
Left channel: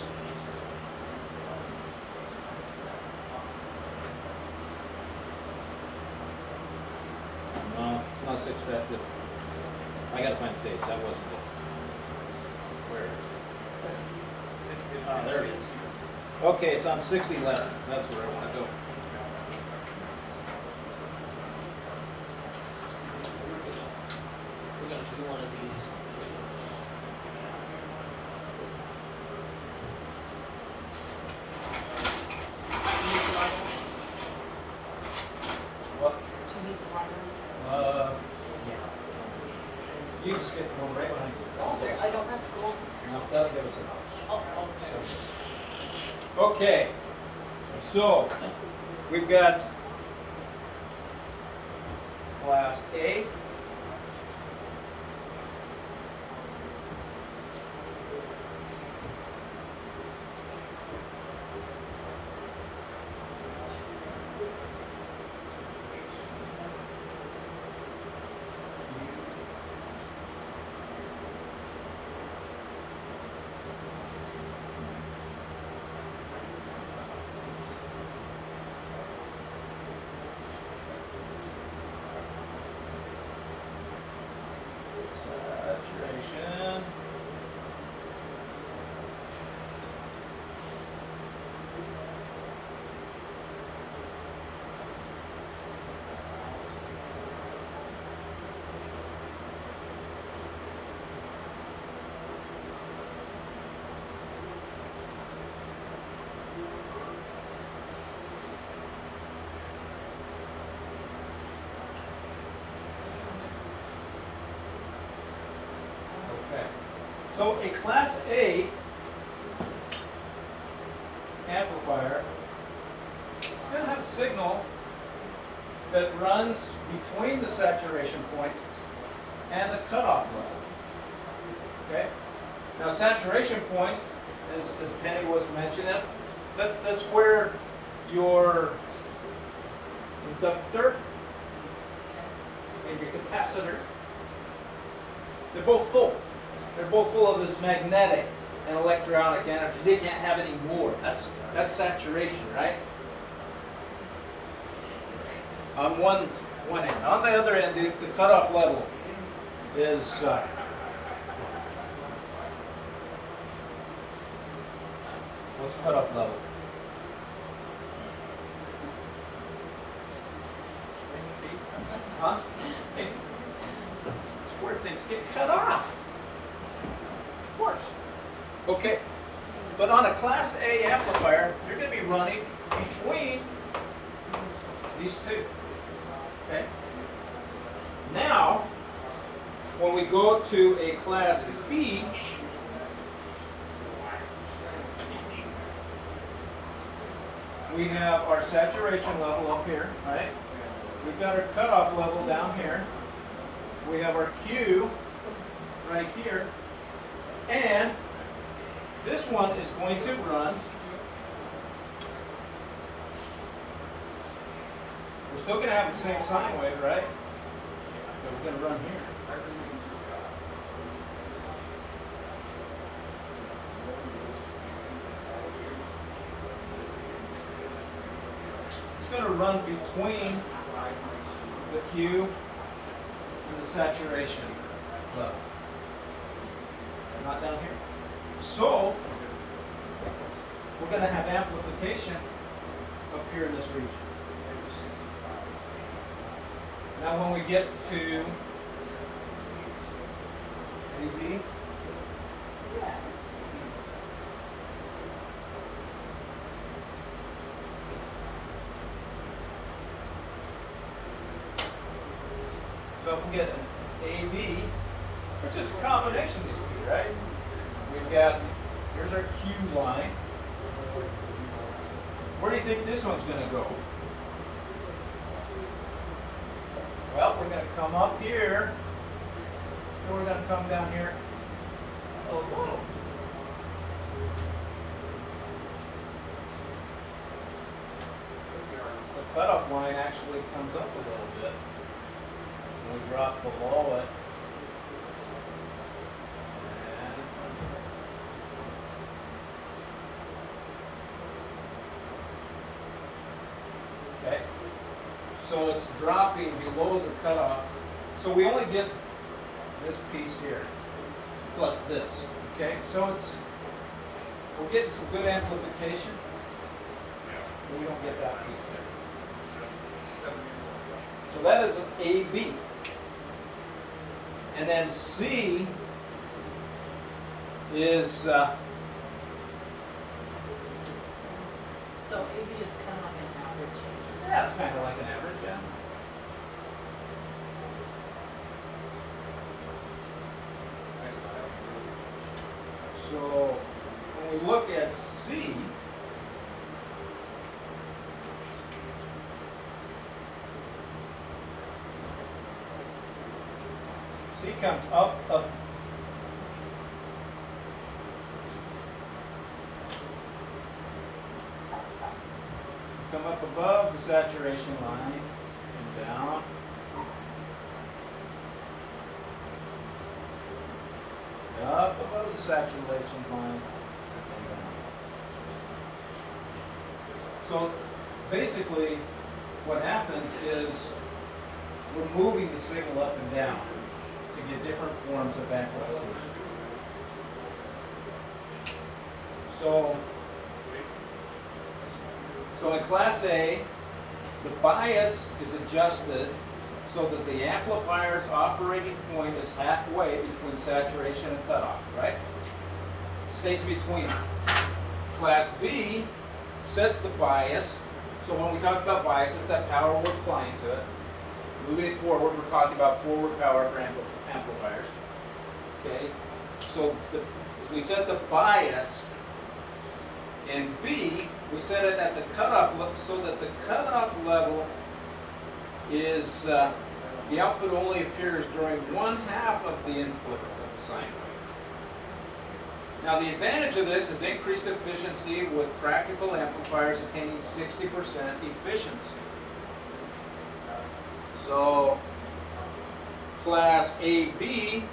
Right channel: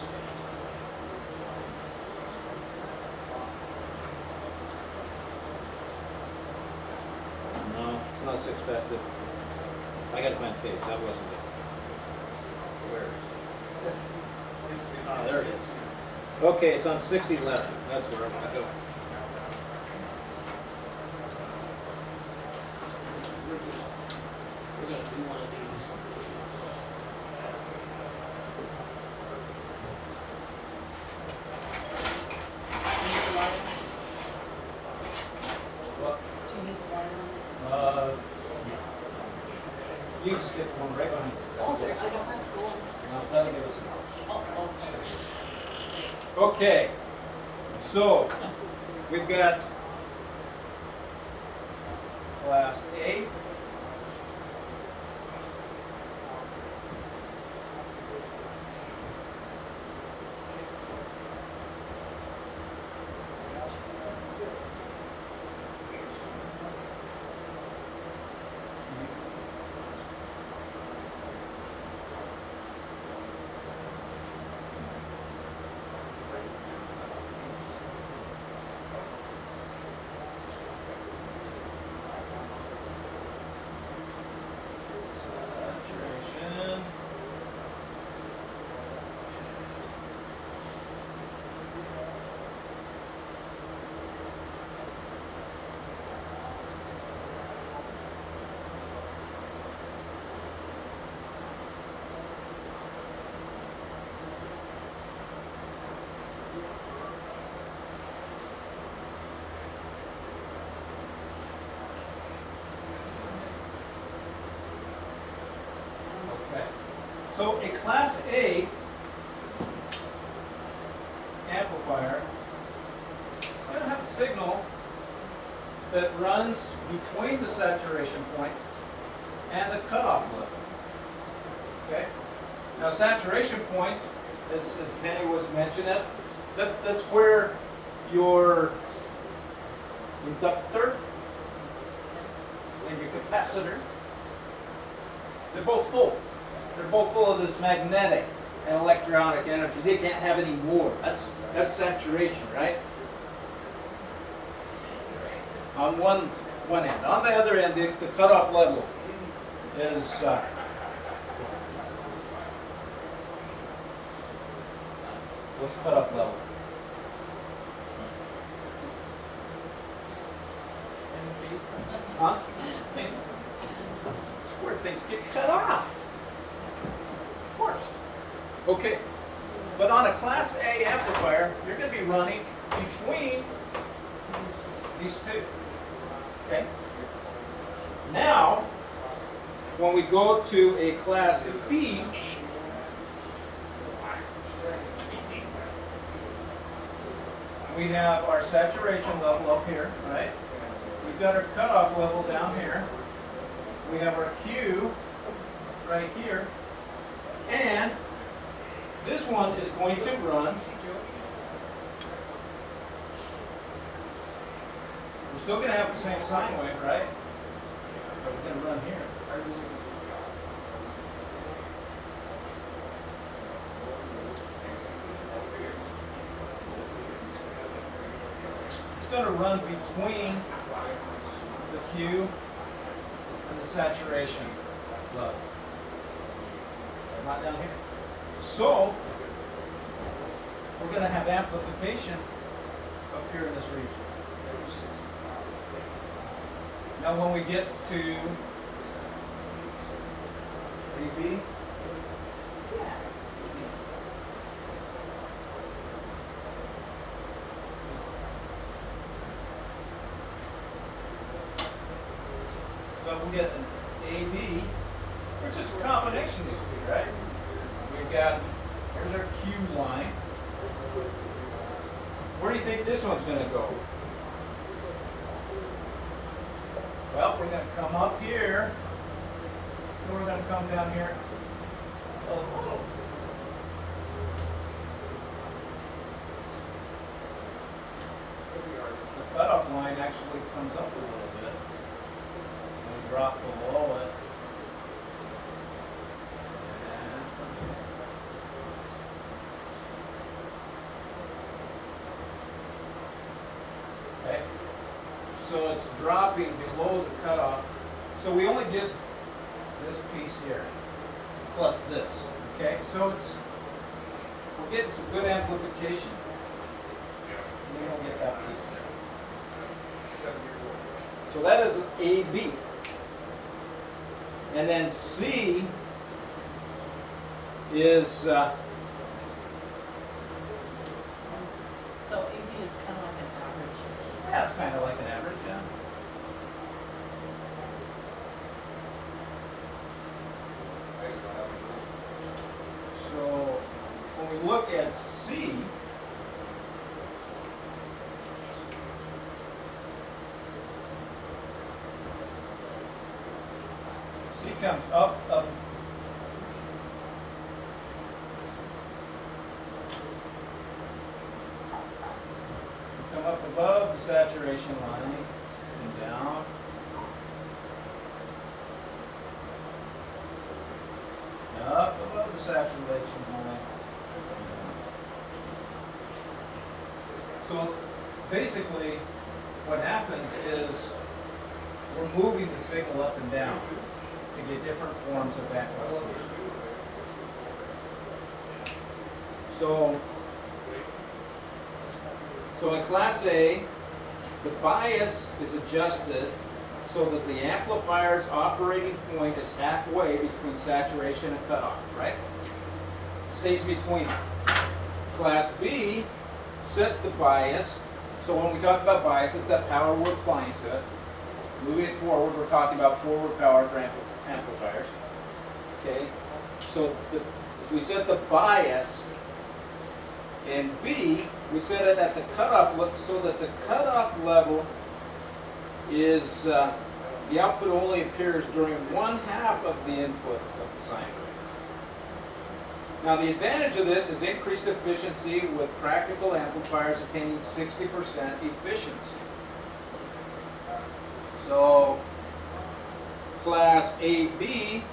No, it's not 6-15. I gotta find the page. That wasn't it. Where is it? Oh, there it is. Okay, it's on 611. That's where I want to go. We're going to do one of these. What? You just get the one right behind you. Oh, there, I don't have to go. No, that'll give us a knowledge. Oh, okay. Okay, so we've got Class A. Saturation. Okay. So a Class A amplifier is going to have a signal that runs between the saturation point and the cutoff level. Okay? Now saturation point, as Penny was mentioning, that's where your inductor and your capacitor, they're both full. They're both full of this magnetic and electronic energy. They can't have any more. That's saturation, right? On one end. On the other end, the cutoff level is what's cutoff level? Huh? It's where things get cut off. Of course. Okay. But on a Class A amplifier, you're going to be running between these two. Okay? Now, when we go to a Class B, we have our saturation level up here, right? We've got our cutoff level down here. We have our Q right here. And this one is going to run. We're still going to have the same sine wave, right? But we're going to run here. It's going to run between the Q and the saturation level. Not down here. So, we're going to have amplification up here in this region. Now when we get to VB, so we get an AB, which is a combination of these two, right? We've got, here's our Q line. Where do you think this one's going to go? Well, we're going to come up here, and we're going to come down here a little. The cutoff line actually comes up a little bit. And we drop below it. And okay. So it's dropping below the cutoff. So we only get this piece here plus this. Okay, so we're getting some good amplification. We don't get that piece there. So that is AB. And then C is So AB is kind of like an average. yeah, it's kind of like an average, yeah. So when we look at C, C comes up. Come up above the saturation line and down. Up above the saturation line and down. So basically what happens is we're moving the signal up and down to get different forms of amplification. So in Class A, the bias is adjusted so that the amplifier's operating point is halfway between saturation and cutoff, right? Stays between them. Class B sets the bias, so when we talk about bias, it's that power we're applying to it. Moving it forward, we're talking about forward power for amplifiers. Okay, so as we set the bias in B, we set it at the cutoff so that the cutoff level is the output only appears during 1/2 of the input of the sine wave. Now the advantage of this is increased efficiency with practical amplifiers attaining 60% efficiency. So Class AB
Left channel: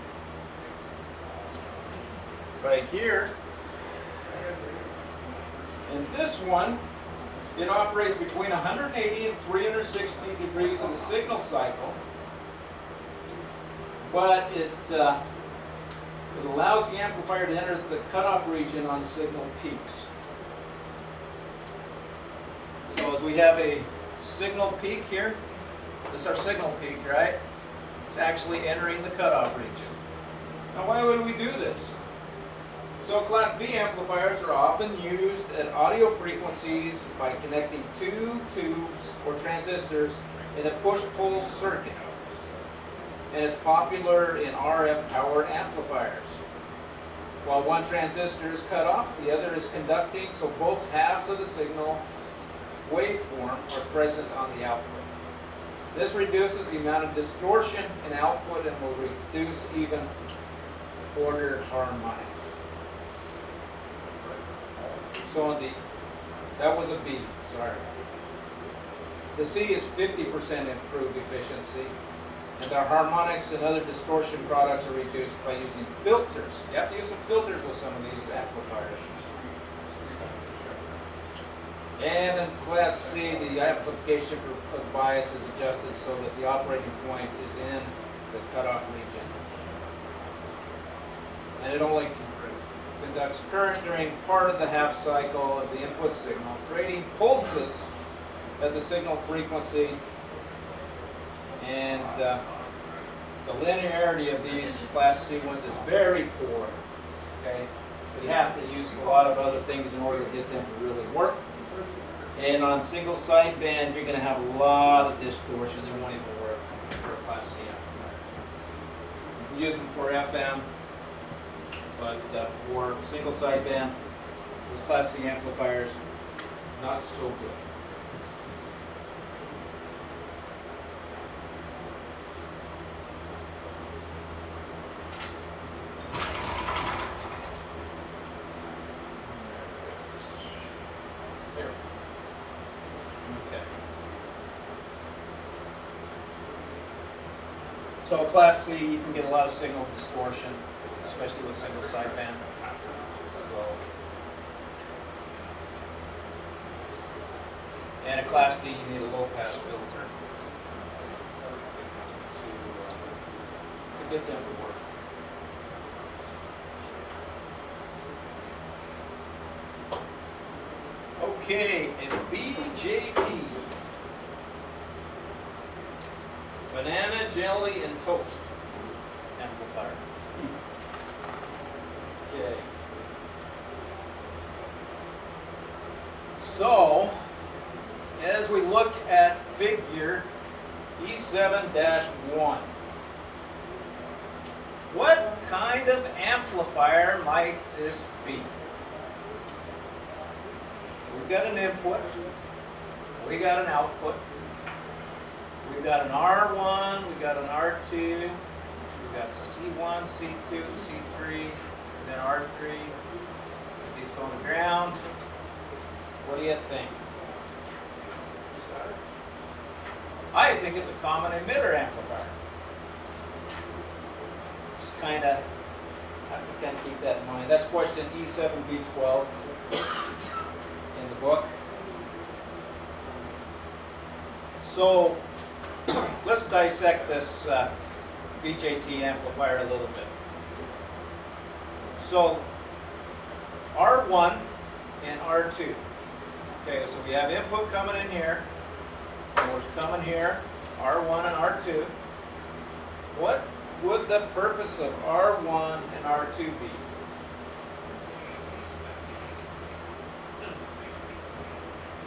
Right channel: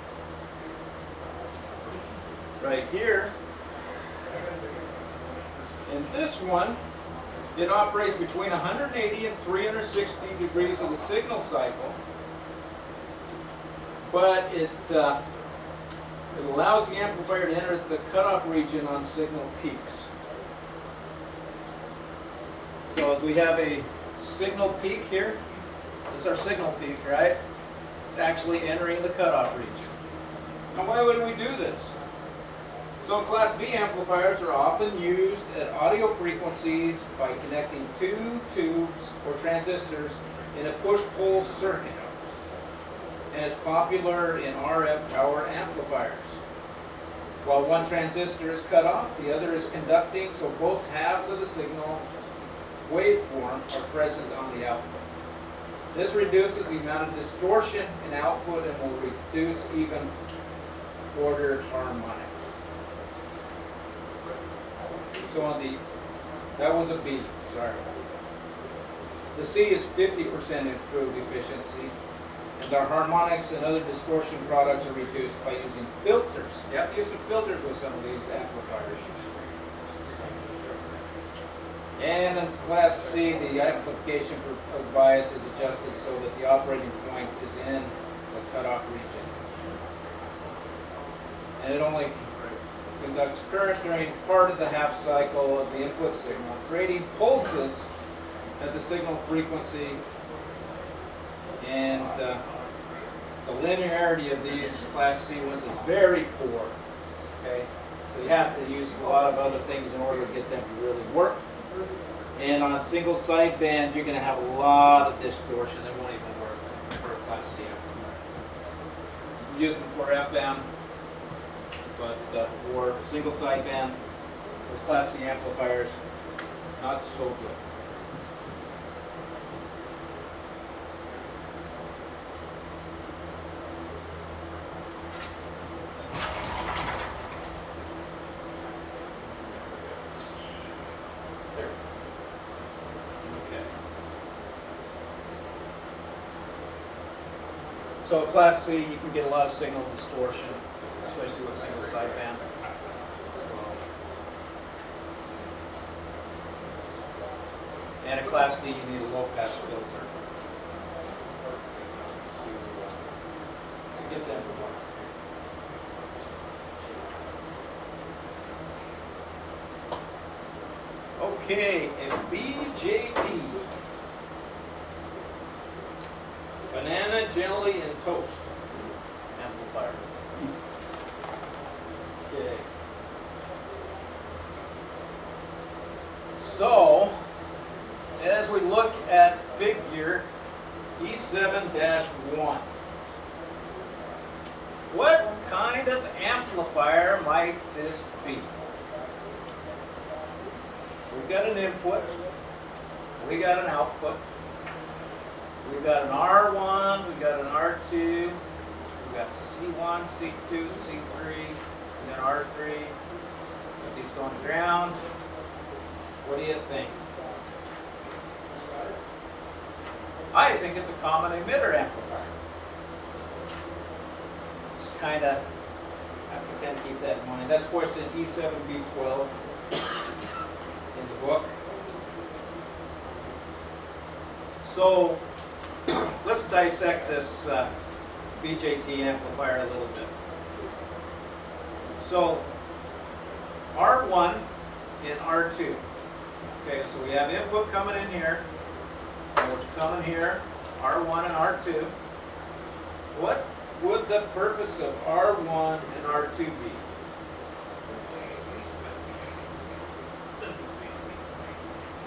right here, and this one, it operates between 180 and 360 degrees of the signal cycle, but it allows the amplifier to enter the cutoff region on signal peaks. So as we have a signal peak here, this is our signal peak, right? It's actually entering the cutoff region. Now why would we do this? So Class B amplifiers are often used at audio frequencies by connecting two tubes or transistors in a push-pull circuit, and it's popular in RF power amplifiers. While one transistor is cut off, the other is conducting, so both halves of the signal waveform are present on the output. This reduces the amount of distortion in output and will reduce even ordered harmonics. So on that was a B, sorry. The C is 50% improved efficiency, and their harmonics and other distortion products are reduced by using filters. You have to use some filters with some of these amplifiers. And in Class C, the amplification for bias is adjusted so that the operating point is in the cutoff region. And it only conducts current during part of the half cycle of the input signal, creating pulses at the signal frequency, and the linearity of these Class C ones is very poor. Okay, so you have to use a lot of other things in order to get them to really work. And on single sideband, you're going to have a lot of distortion. They won't even work for a Class C amplifier. You can use them for FM, but for single sideband, those Class C amplifiers, not so good. There. Okay. So a Class C, you can get a lot of signal distortion, especially with single sideband. So, and a Class D, you need a low pass filter to get them to work. Okay, a BJT. Banana, jelly, and toast amplifier. Okay. So, as we look at figure E7-1, what kind of amplifier might this be? We've got an input, we got an output, we've got an R1, we've got an R2, we've got C1, C2, C3, we've got R3, put these going to ground. What do you think? I think it's a common emitter amplifier. Just kind of have to then keep that in mind. That's question E7B12 in the book. So let's dissect this BJT amplifier a little bit. So R1 and R2. Okay, so we have input coming in here, and we're coming here, R1 and R2. What would the purpose of R1 and R2 be?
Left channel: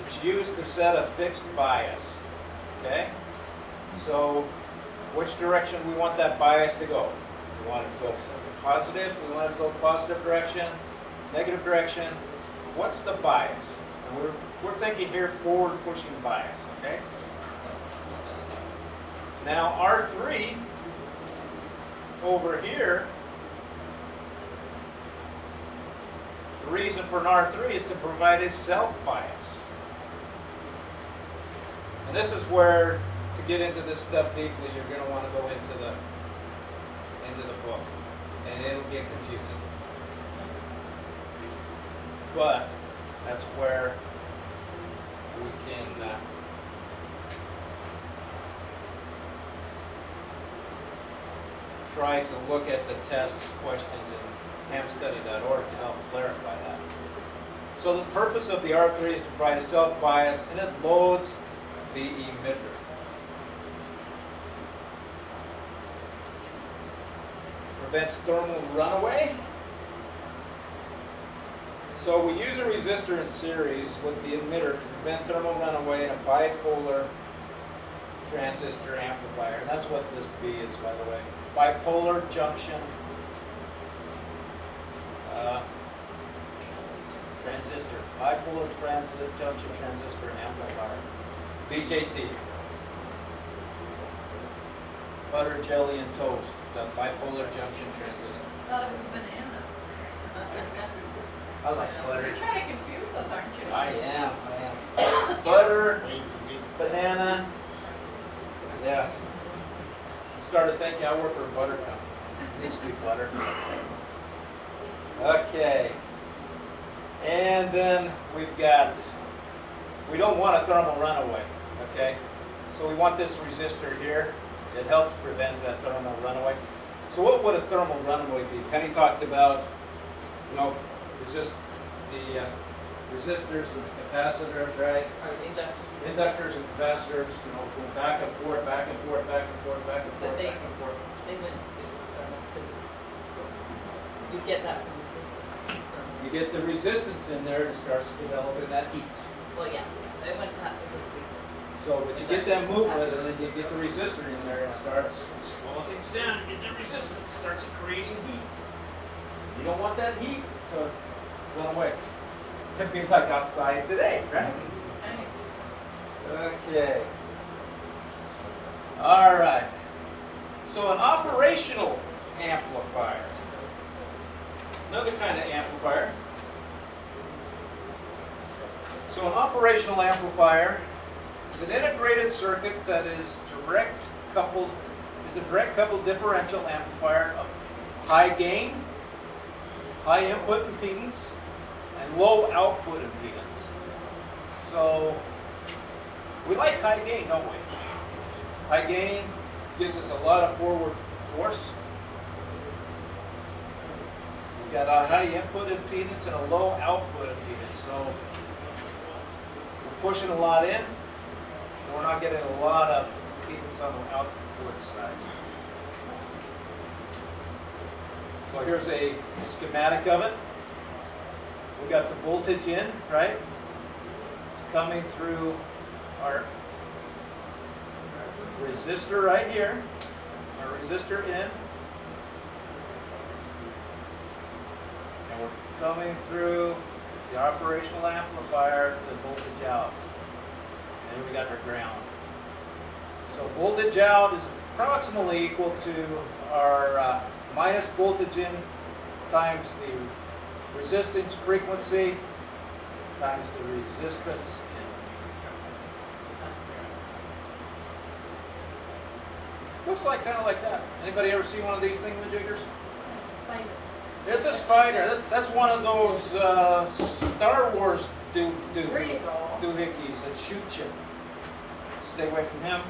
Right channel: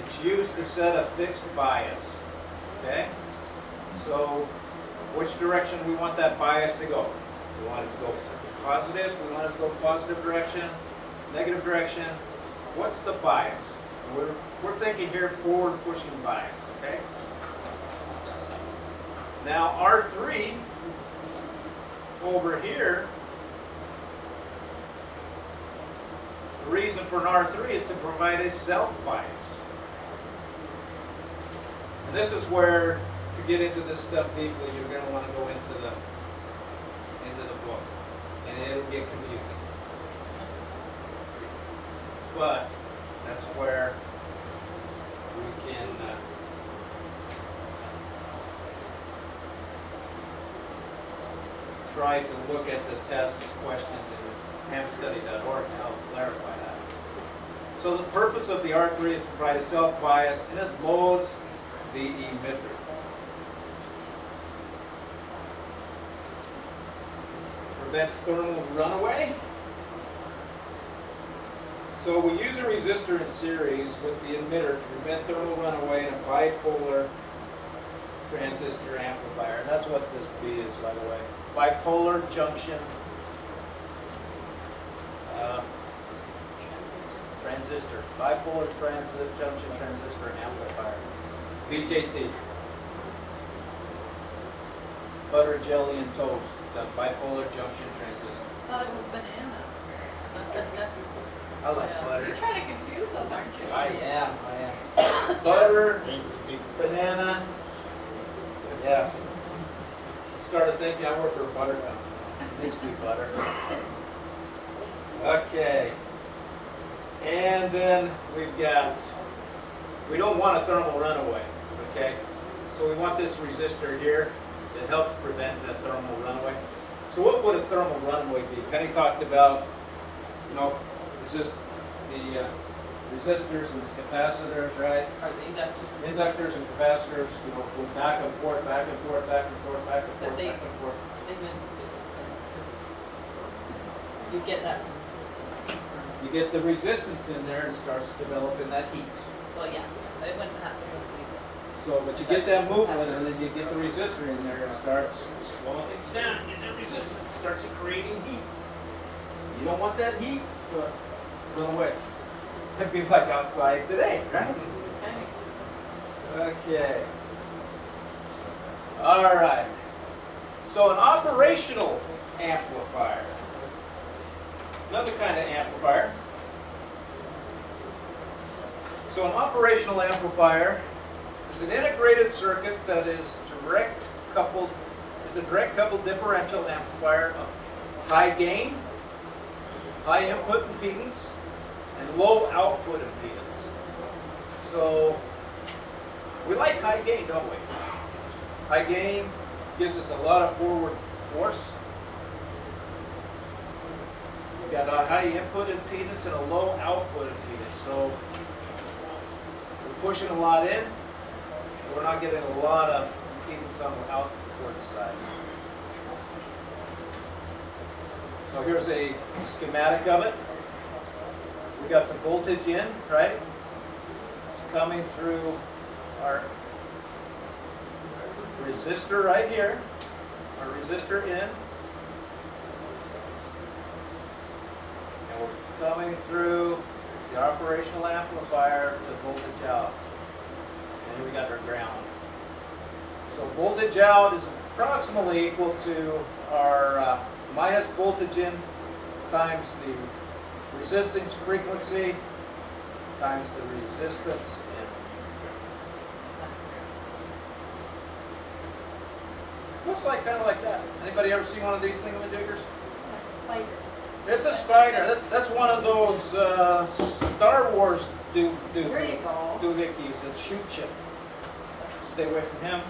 It's used to set a fixed bias. Okay? So, which direction we want that bias to go? We want it to go positive, we want it to go positive direction, negative direction. What's the bias? And we're thinking here forward pushing bias, okay? Now R3 over here, the reason for an R3 is to provide a self bias. And this is where, to get into this stuff deeply, you're going to want to go into the book, and it'll get confusing. But that's where we can try to look at the test questions in hamstudy.org to help clarify that. So the purpose of the R3 is to provide a self-bias, and it loads the emitter. Prevents thermal runaway. So we use a resistor in series with the emitter to prevent thermal runaway in a bipolar transistor amplifier. And that's what this B is, by the way. Bipolar junction transistor. Bipolar junction transistor amplifier. BJT. Butter, jelly, and toast. The bipolar junction transistor. Oh, it was banana. I like butter. You're trying to confuse us, aren't you? I am. Butter, banana. Yes. Started thinking I work for a butter company. Needs to be butter. Okay. And then we've got, we don't want a thermal runaway, okay? So we want this resistor here that helps prevent that thermal runaway. So what would a thermal runaway be? Penny talked about you know, resist the resistors and the capacitors, right? Or the inductors. Inductors and capacitors, you know, go back and forth, back and forth, back and forth, back and But forth, they- back and forth. They didn't do it because it's, you get that from resistance. You get the resistance in there and starts developing that heat. Well, yeah, it wouldn't happen if we. So, but you get that movement and then you get the resistor in there and it starts slowing things down. You get the resistance, starts creating heat. You don't want that heat to run away. It'd be like outside today, right? Right. Okay. All right. So an operational amplifier. Another kind of amplifier. So an operational amplifier is an integrated circuit that is a direct coupled differential amplifier of high gain, high input impedance, and low output impedance. So we like high gain, don't we? High gain gives us a lot of forward force. We got a high input impedance and a low output impedance. So we're pushing a lot in, and we're not getting a lot of impedance on the outward side. So here's a schematic of it. We got the voltage in, right? It's coming through our resistor right here. Our resistor in. And we're coming through the operational amplifier to voltage out. And here we got our ground. So voltage out is approximately equal to our minus voltage in times the resistance frequency times the resistance in. Looks like kind of like that. Anybody ever see one of these thingamajiggers? That's a spider. It's a spider. That's one of those Star Wars There you go. doohickeys that shoot you. Stay away from him.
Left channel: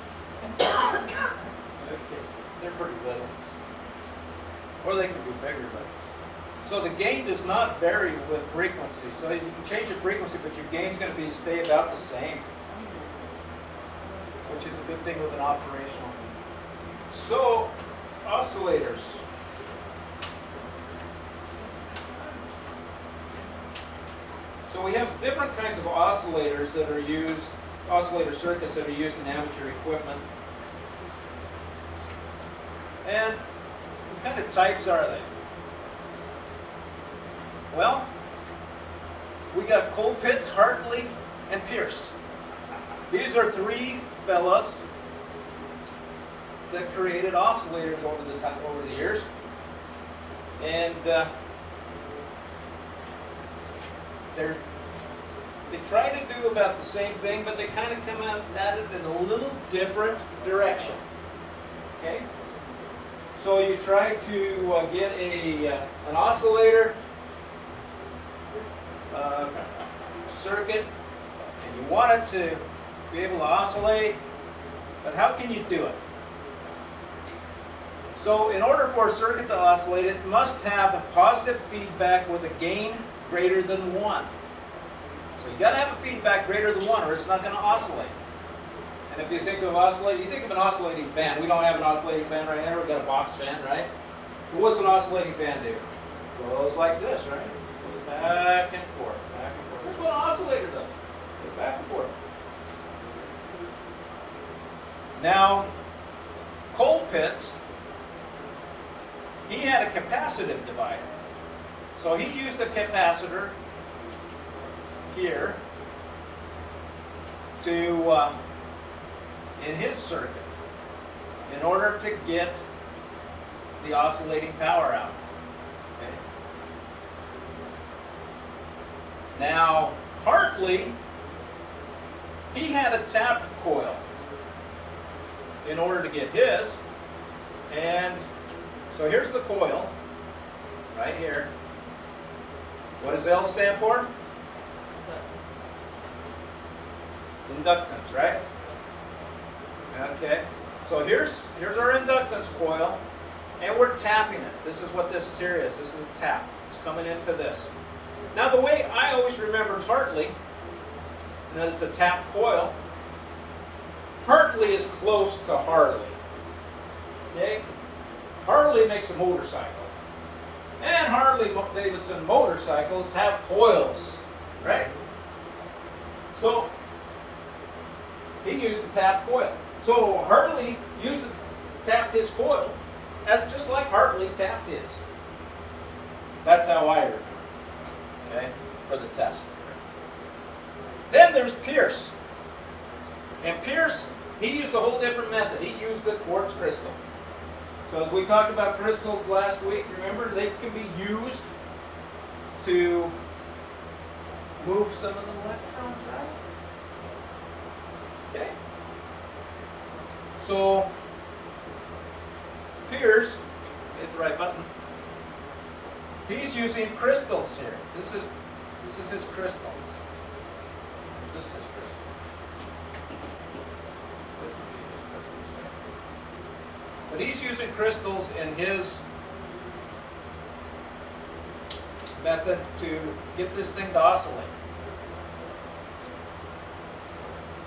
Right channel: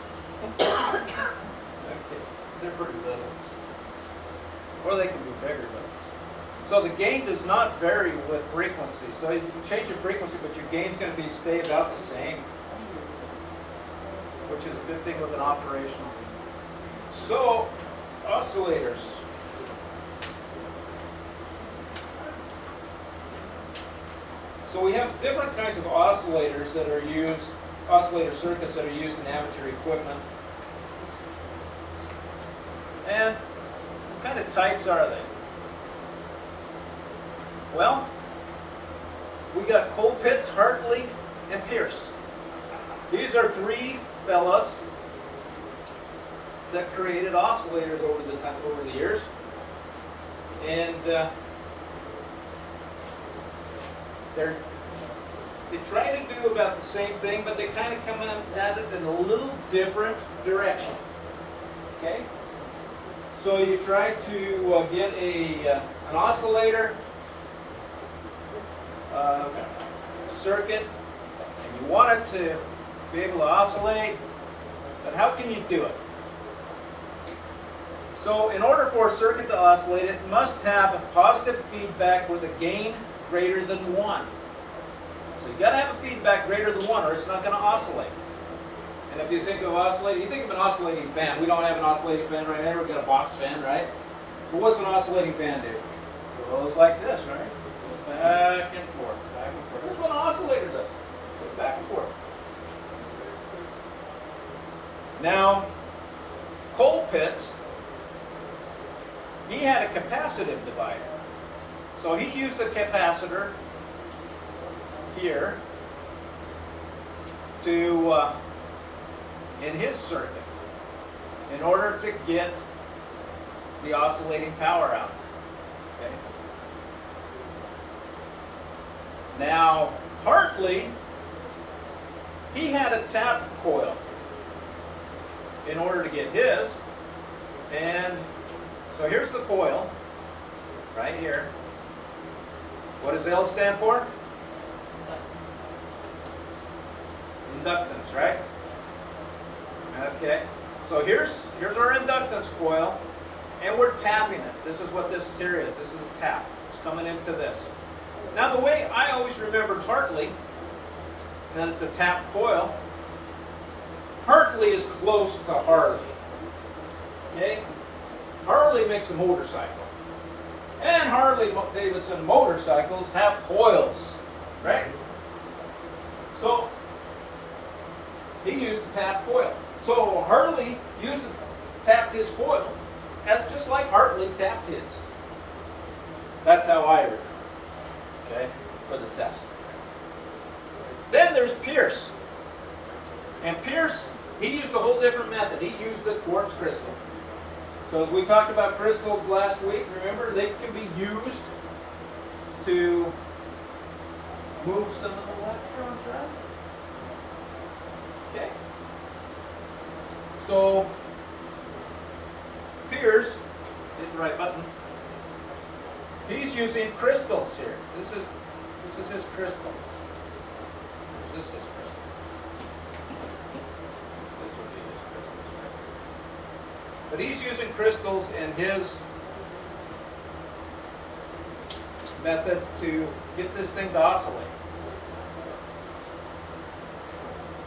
Okay, they're pretty little. Or they can be bigger, but. So the gain does not vary with frequency. So you can change your frequency, but your gain's going to stay about the same, which is a good thing with an operational. So, oscillators. So we have different kinds of oscillators that are used, oscillator circuits that are used in amateur equipment. And what kind of types are they? Well, we got Colpitts, Hartley, and Pierce. These are three fellas that created oscillators over the years, and they try to do about the same thing, but they kind of come out at it in a little different direction. Okay, so you try to get an oscillator circuit, and you want it to be able to oscillate, but how can you do it? So in order for a circuit to oscillate, it must have a positive feedback with a gain greater than 1. So you got to have a feedback greater than 1 or it's not going to oscillate. And if you think of oscillating, you think of an oscillating fan. We don't have an oscillating fan right now. We've got a box fan, right? But what's an oscillating fan do? Well, it's like this, right? Goes back and forth, back and forth. Here's what an oscillator does. Goes back and forth. Now, Colpitts, he had a capacitive divider. So he used a capacitor here to, in his circuit, in order to get the oscillating power out. Okay. Now, Hartley, he had a tapped coil in order to get his, and so here's the coil, right here. What does L stand for? Inductance, right? Okay, so here's our inductance coil, and we're tapping it. This is what this here is. This is a tap. It's coming into this. Now the way I always remembered Hartley, and that it's a tapped coil, Hartley is close to Harley. Okay? Harley makes a motorcycle. And Harley Davidson motorcycles have coils, right? So he used a tapped coil. So Harley tapped his coil, and just like Hartley tapped his. That's how I remember. Okay, for the test. Then there's Pierce. And Pierce, he used a whole different method. He used the quartz crystal. So as we talked about crystals last week, remember, they can be used to move some of the electrons, right? Okay. So Pierce, hit the right button. He's using crystals here. This is his crystals. This is his crystals. This would be his crystals, right? But he's using crystals in his method to get this thing to oscillate.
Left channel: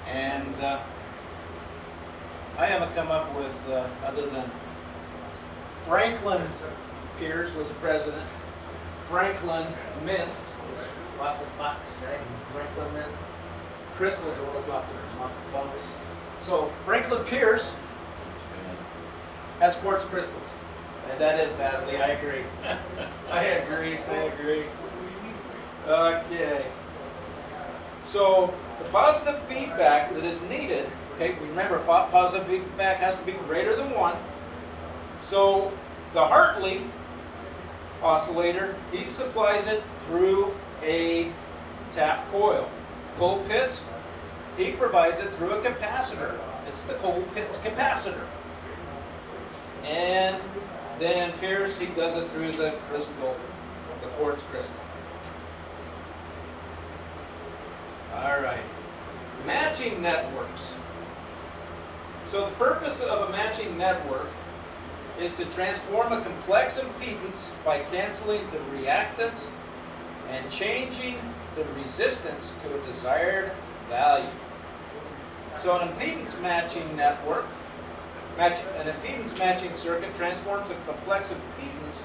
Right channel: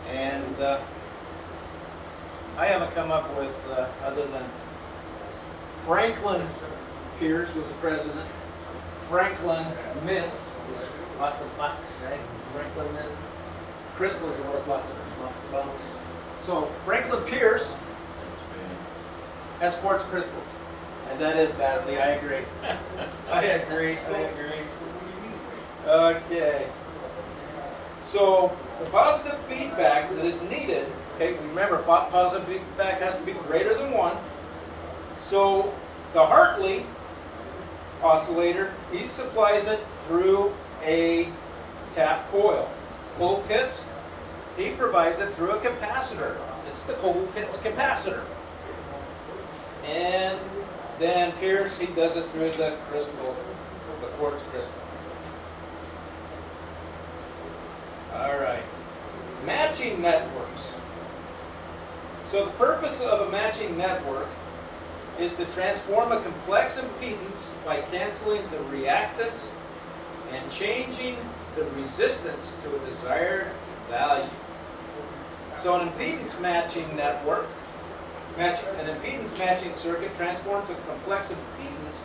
And I haven't come up with, other than Franklin Pierce was the president. Franklin Mint was lots of bucks, right? Franklin Mint. Crystals are worth lots of bucks. So Franklin Pierce has quartz crystals. And that is badly, I agree. I agree. Okay. So the positive feedback that is needed, okay, remember positive feedback has to be greater than 1. So the Hartley oscillator, he supplies it through a tap coil. Cold Pitts, he provides it through a capacitor. It's the Cold Pitts capacitor. And then Pierce, he does it through the crystal, the quartz crystal. All right. Matching networks. So the purpose of a matching network is to transform a complex impedance by canceling the reactance and changing the resistance to a desired value. So an impedance matching network, an impedance matching circuit transforms a complex impedance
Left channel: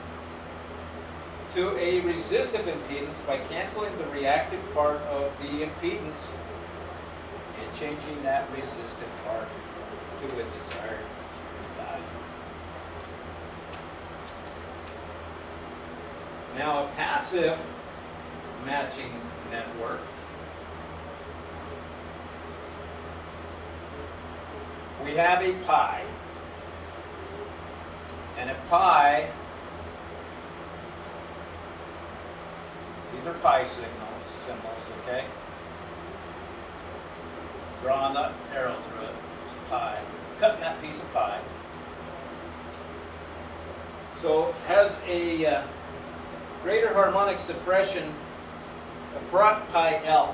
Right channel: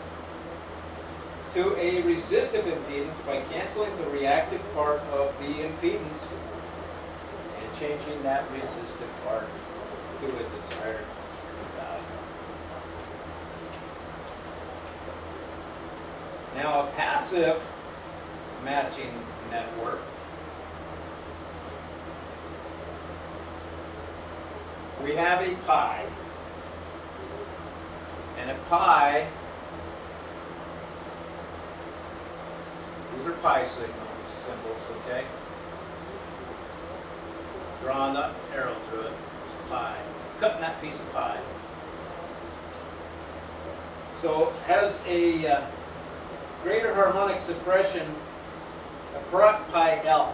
to a resistive impedance by canceling the reactive part of the impedance and changing that resistive part to a desired value. Now, a passive matching network we have a pi, and a pi, these are pi symbols, okay? Drawing the arrow through it, pi, cutting that piece of pi. So it has a greater harmonic suppression of pi L.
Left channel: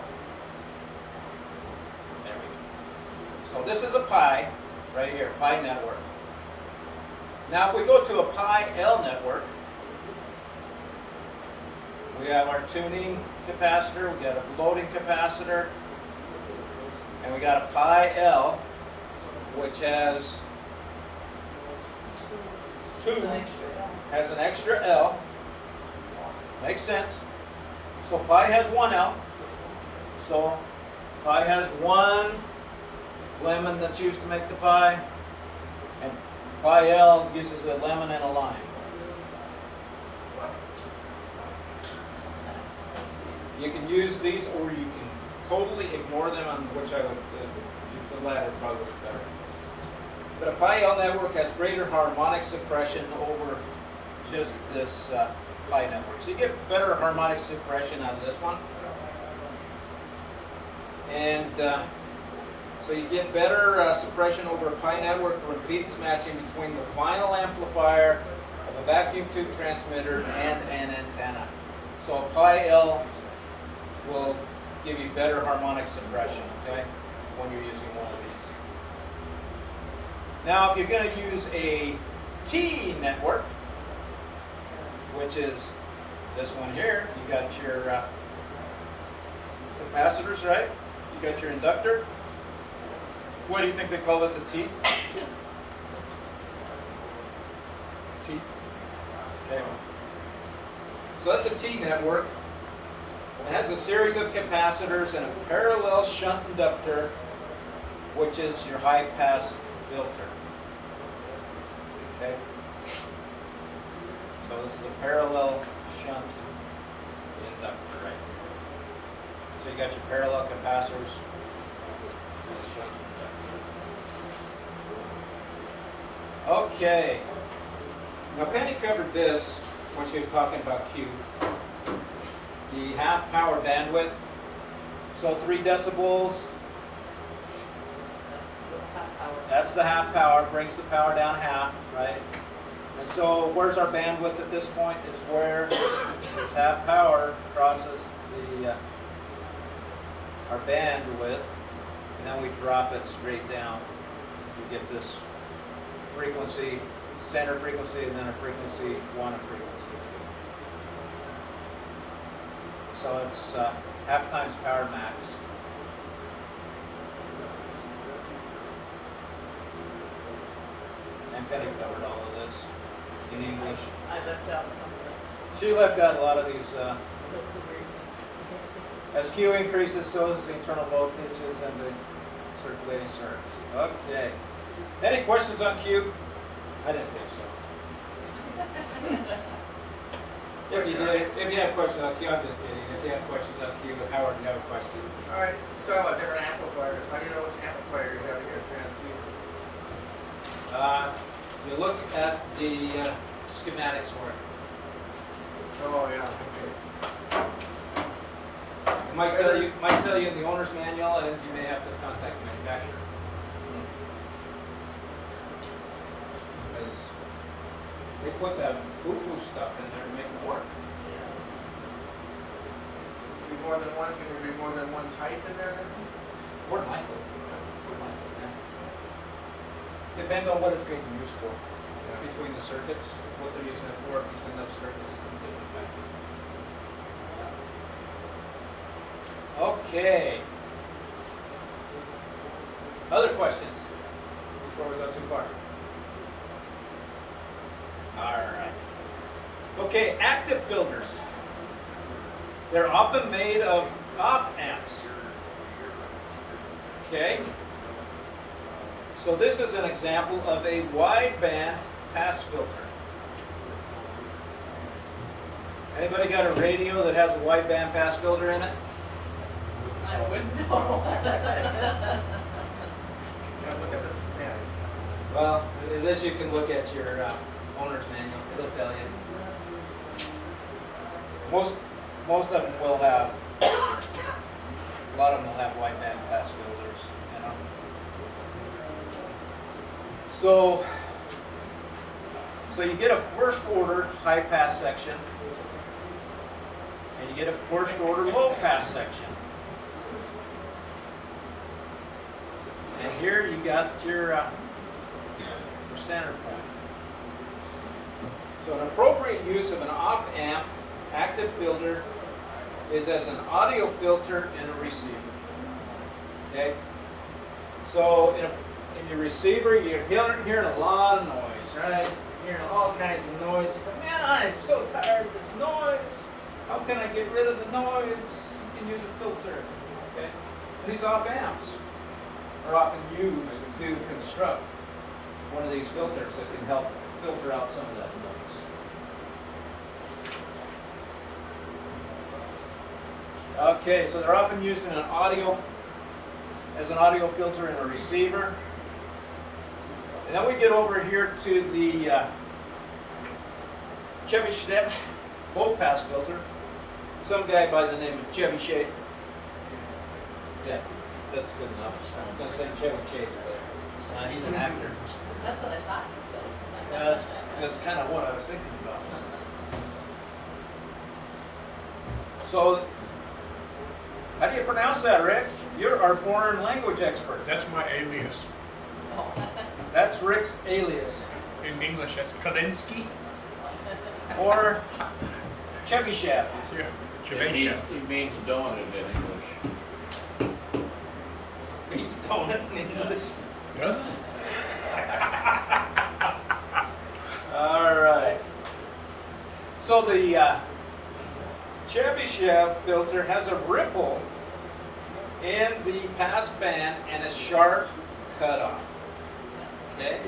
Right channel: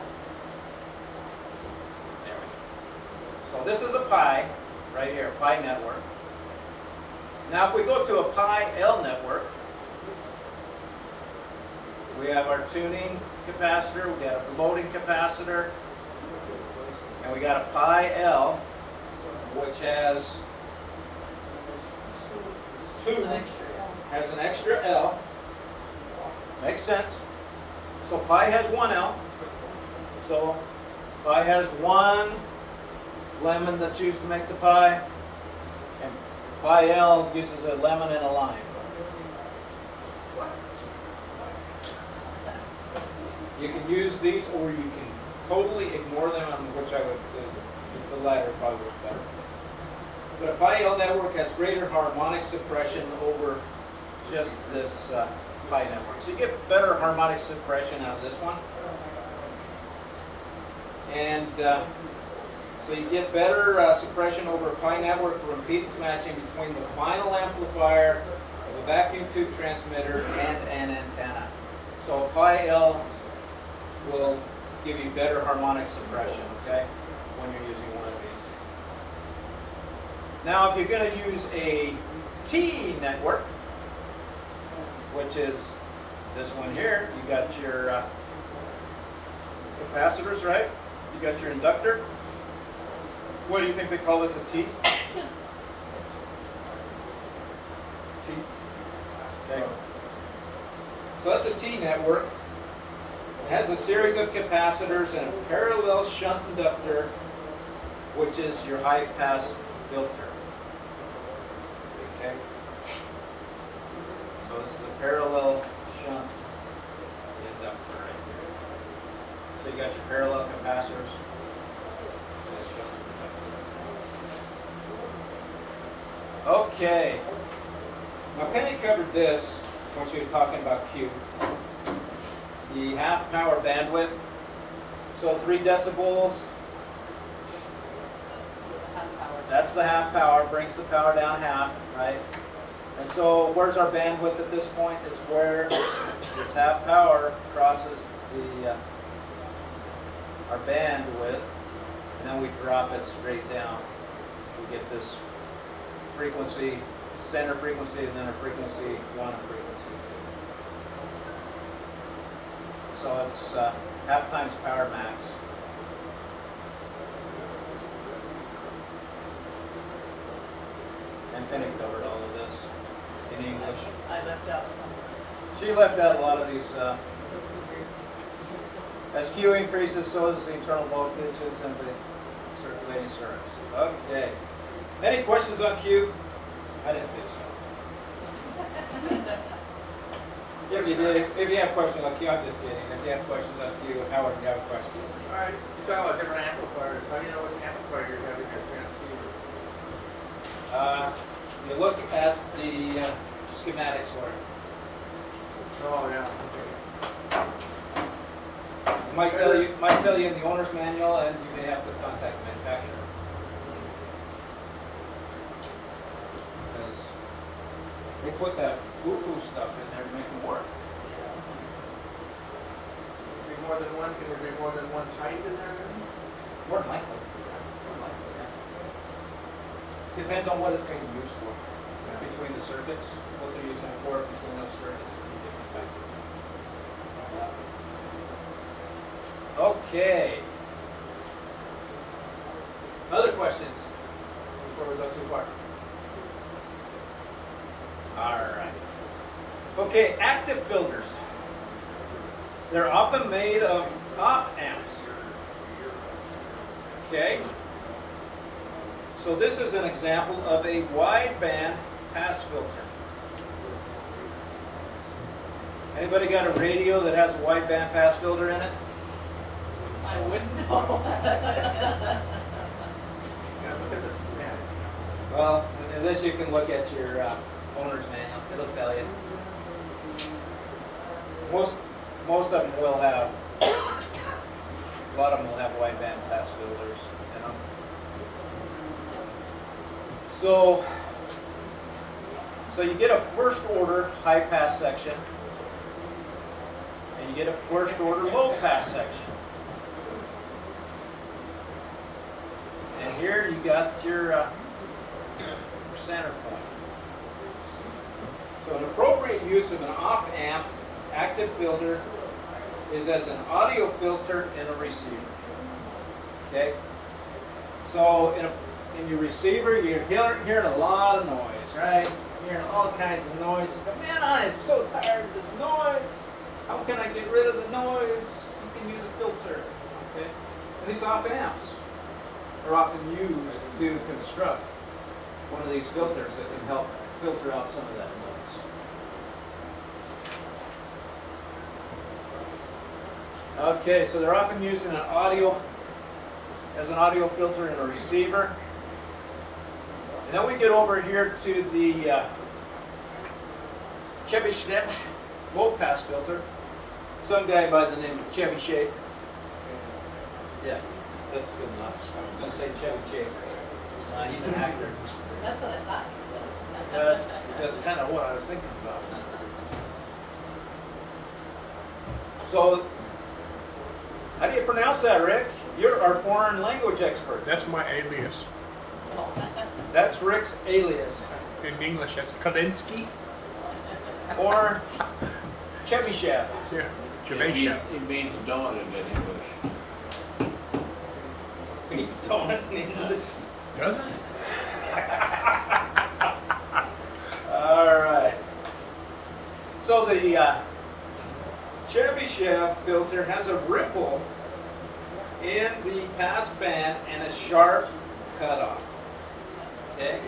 There we go. So this is a pi, right here, pi network. Now if we go to a pi L network, we have our tuning capacitor, we got a loading capacitor, and we got a pi L, which has has an extra L. Makes sense. So pi has 1 L. So pi has 1 lemon that's used to make the pi, and pi L uses a lemon and a lime. You can use these, or you can totally ignore them, on which I would, the latter probably works better. But a pi L network has greater harmonic suppression over just this pi network. So you get better harmonic suppression out of this one. And so you get better suppression over a pi network for impedance matching between the final amplifier of a vacuum tube transmitter and an antenna. So a pi L will give you better harmonic suppression, okay, when you're using one of these. Now if you're going to use a T network, which is This one here, you got your capacitors, right? You got your inductor. What do you think they call this, a T? T. Okay. So that's a T network. It has a series of capacitors and a parallel shunt inductor, which is your high pass filter. Okay. So this is a parallel shunt inductor, right? So you got your parallel capacitors and a shunt inductor. Okay. Now Penny covered this when she was talking about Q. The half power bandwidth. So 3 decibels. That's the half power. That's the half power, brings the power down half, right? And so where's our bandwidth at this point? It's where this half power crosses the our bandwidth, and then we drop it straight down. We get this frequency, center frequency, and then a frequency 1 and frequency 2. So it's half times power max. And Penny covered all of this in English. I left out some of this. She left out a lot of these. As Q increases, so does the internal voltages and the circulating currents. Okay. Any questions on Q? I didn't think so. If you have questions on Q, I'm just kidding. If you have questions on Q, Howard, you have a question. All right, you talk about different amplifiers. How do you know which amplifier you have in your transceiver? You look at the schematics for it. Oh, yeah, okay. It might tell you in the owner's manual, and you may have to contact the manufacturer. Because they put that foo-foo stuff in there to make them work. Be more than one, can there be more than one type in there? More than likely. More than likely, yeah. Depends on what it's being used for. Between the circuits, what they're using it for, between those circuits, it can be different types. Okay. Other questions before we go too far? All right. Okay, active filters. They're often made of op amps. Okay. So this is an example of a wideband pass filter. Anybody got a radio that has a wideband pass filter in it? I wouldn't know. Jeff, look at this schematic. Well, in this you can look at your owner's manual. It'll tell you. Most of them will have. A lot of them will have wideband pass filters. You know. So you get a first order high pass section, and you get a first order low pass section. And here you got your center point. So an appropriate use of an op amp active filter is as an audio filter in a receiver. Okay? So in your receiver, you're hearing a lot of noise, right? You're hearing all kinds of noise. You go, man, I'm so tired of this noise. How can I get rid of the noise? You can use a filter. Okay? And these op amps are often used to construct one of these filters that can help filter out some of that noise. Okay, so they're often used in an as an audio filter in a receiver. And then we get over here to the Chevy Schnepp low pass filter. Some guy by the name of Chevy Shade. Yeah, that's good enough. I was going to say Chevy Chase, but he's an actor. That's what I thought you said. Yeah, that's kind of what I was thinking about. So, how do you pronounce that, Rick? You're our foreign language expert. That's my alias. That's Rick's alias. In English, that's Kalinsky. Or Chevy shaft. It means donut in English. Means donut in English. Does it? All right. So the Chevy shaft filter has a ripple in the pass band and a sharp cutoff. Okay?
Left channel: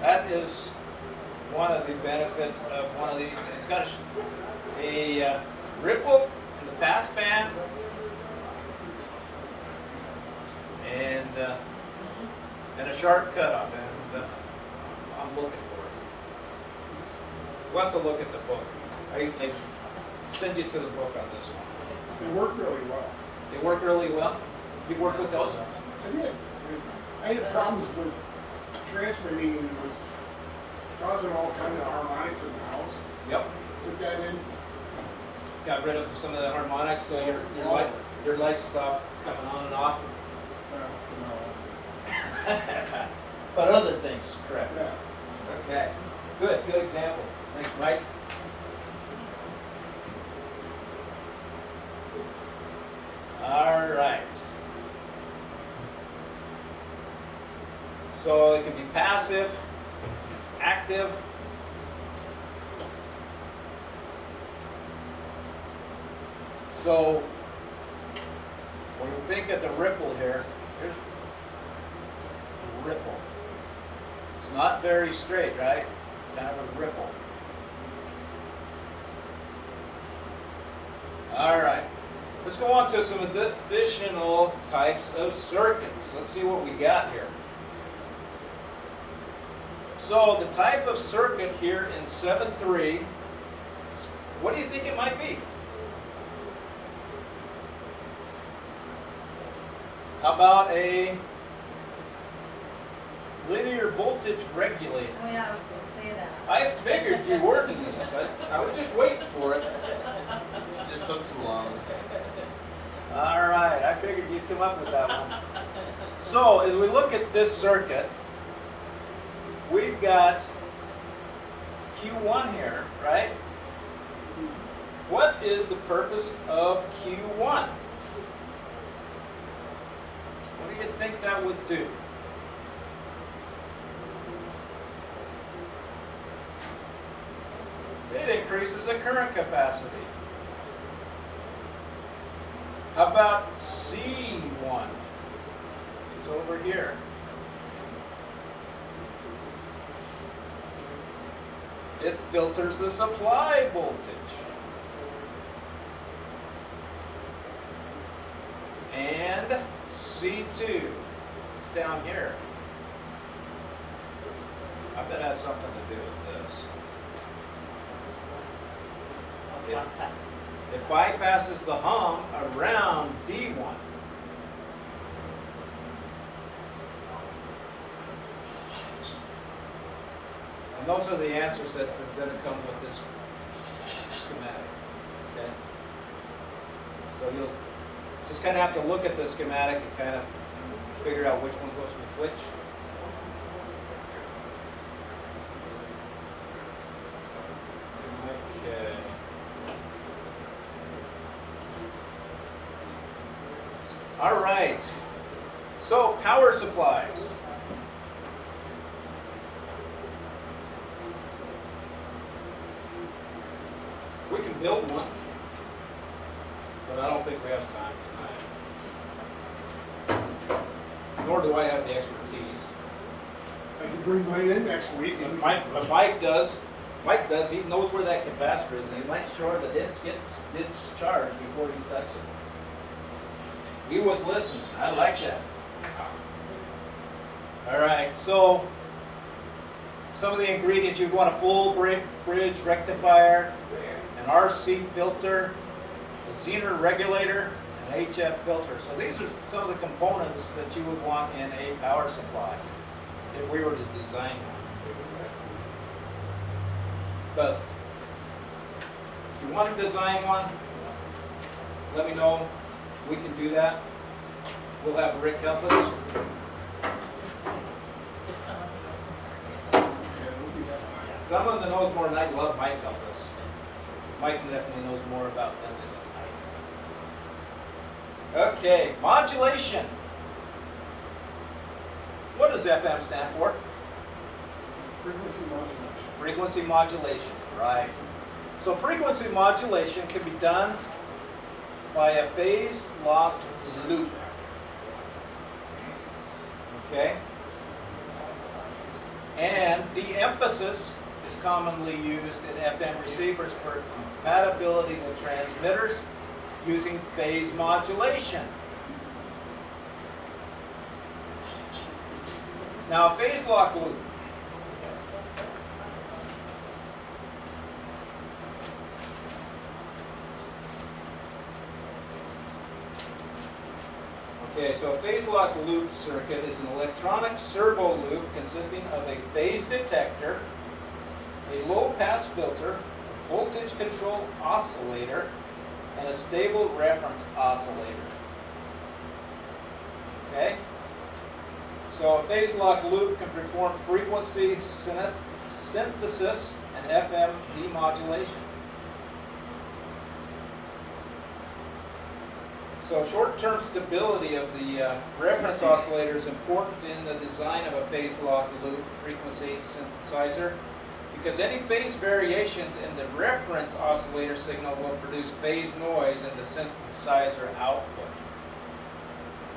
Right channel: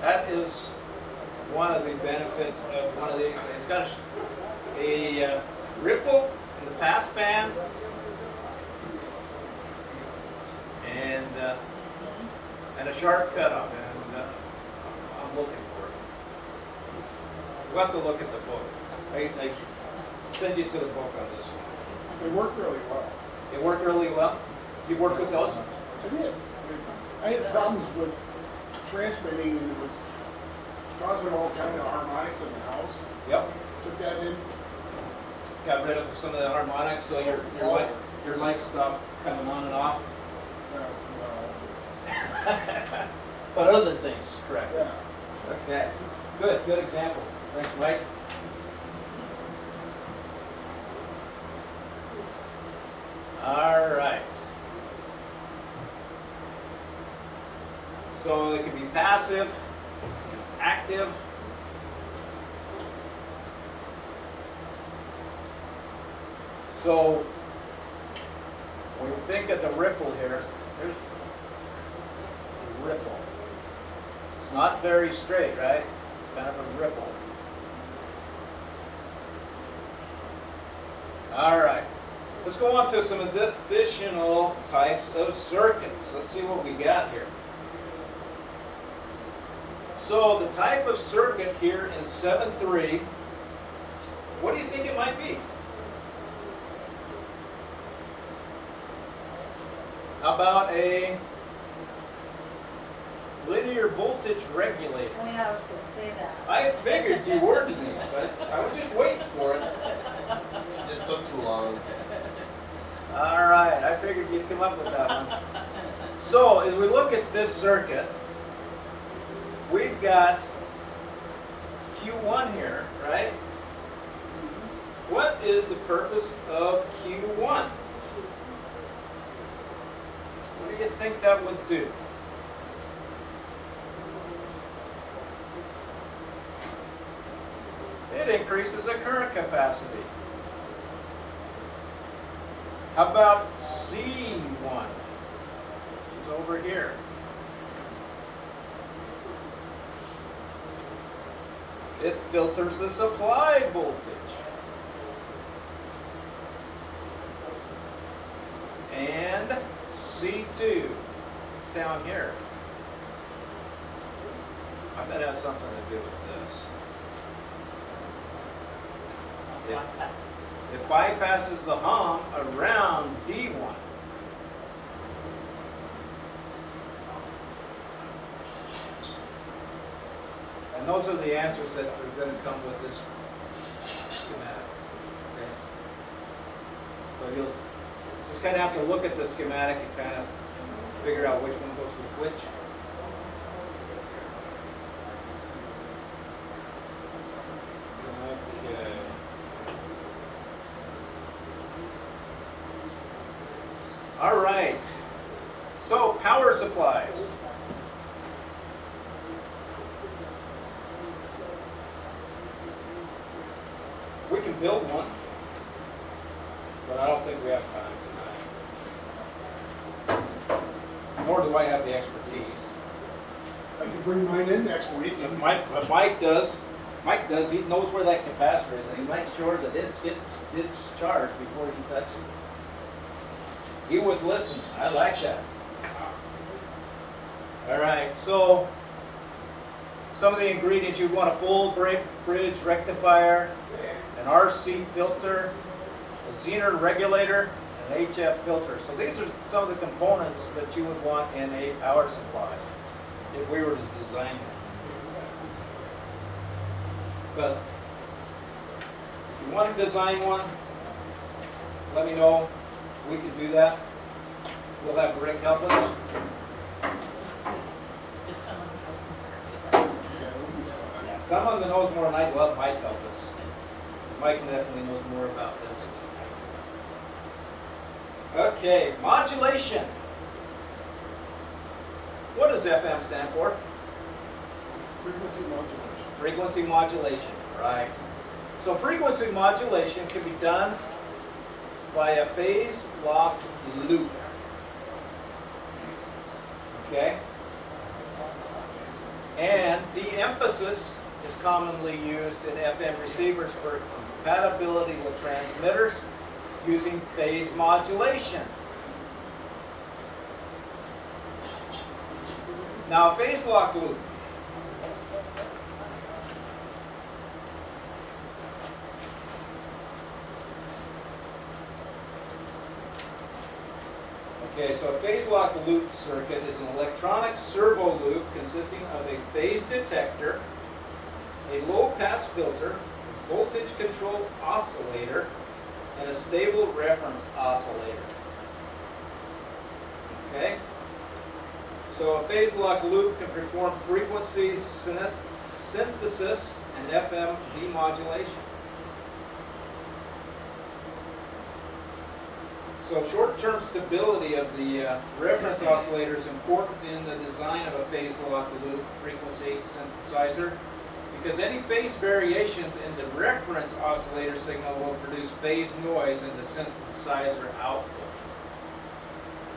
That is one of the benefits of one of these things. It's got a ripple in the pass band and a sharp cutoff. And I'm looking for it. We'll have to look at the book. I send you to the book on this one. They work really well. They work really well. You work with those? I did. I had problems with transmitting and it was causing all kind of harmonics in the house. Yep. Put that in. Got rid of some of the harmonics, so your lights stopped coming on and off. No, But other things, correct. yeah. Okay. Good example. Thanks, Mike. All right. So it can be passive, active. So when you think of the ripple here, here's a ripple. It's not very straight, right? Kind of a ripple. All right. Let's go on to some additional types of circuits. Let's see what we got here. So the type of circuit here in 7.3, what do you think it might be? How about a linear voltage regulator? Oh yeah, I was gonna say that. I figured you were, Denise. I was just waiting for it. It just took too long. All right, I figured you'd come up with that one. So as we look at this circuit, we've got Q1 here, right? What is the purpose of Q1? What do you think that would do? It increases the current capacity. How about C1? It's over here. It filters the supply voltage. And C2, it's down here. I bet it has something to do with this. It bypasses the hum around D1. And those are the answers that are going to come with this schematic. Okay? So you'll just kind of have to look at the schematic and kind of figure out which one goes with which. Okay. All right. So power supplies. We can build one, but I don't think we have time tonight. Nor do I have the expertise. I can bring mine in next week. But And Mike does. Mike does. He knows where that capacitor is, and he makes sure that it gets charged before he touches it. He was listening. I like that. All right. So some of the ingredients: you want a full bridge rectifier, an RC filter, a Zener regulator, and an HF filter. So these are some of the components that you would want in a power supply if we were to design one. But if you want to design one, let me know. We can do that. We'll have Rick help us. If someone puts yeah, it would be fun. Someone that knows more than I do, Mike help us. Mike definitely knows more about this than I do. Okay, modulation. What does FM stand for? Frequency modulation. Frequency modulation, right. So frequency modulation can be done by a phase-locked loop. Okay? And the emphasis is commonly used in FM receivers for compatibility with transmitters using phase modulation. Now, a phase-locked loop. Okay, so a phase-locked loop circuit is an electronic servo loop consisting of a phase detector, a low-pass filter, a voltage-controlled oscillator, and a stable reference oscillator. Okay? So a phase-locked loop can perform frequency synthesis and FM demodulation. So short-term stability of the reference oscillator is important in the design of a phase-locked loop frequency synthesizer because any phase variations in the reference oscillator signal will produce phase noise in the synthesizer output.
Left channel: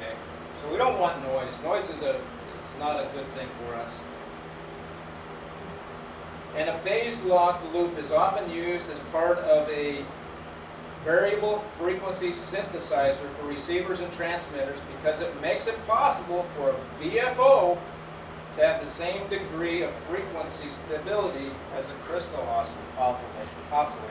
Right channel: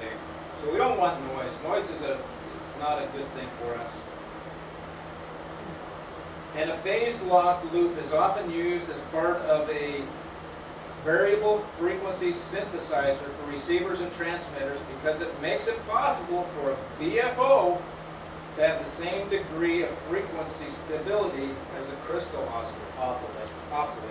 Okay, so we don't want noise. Noise is not a good thing for us. And a phase-locked loop is often used as part of a variable frequency synthesizer for receivers and transmitters because it makes it possible for a VFO to have the same degree of frequency stability as a crystal oscillator.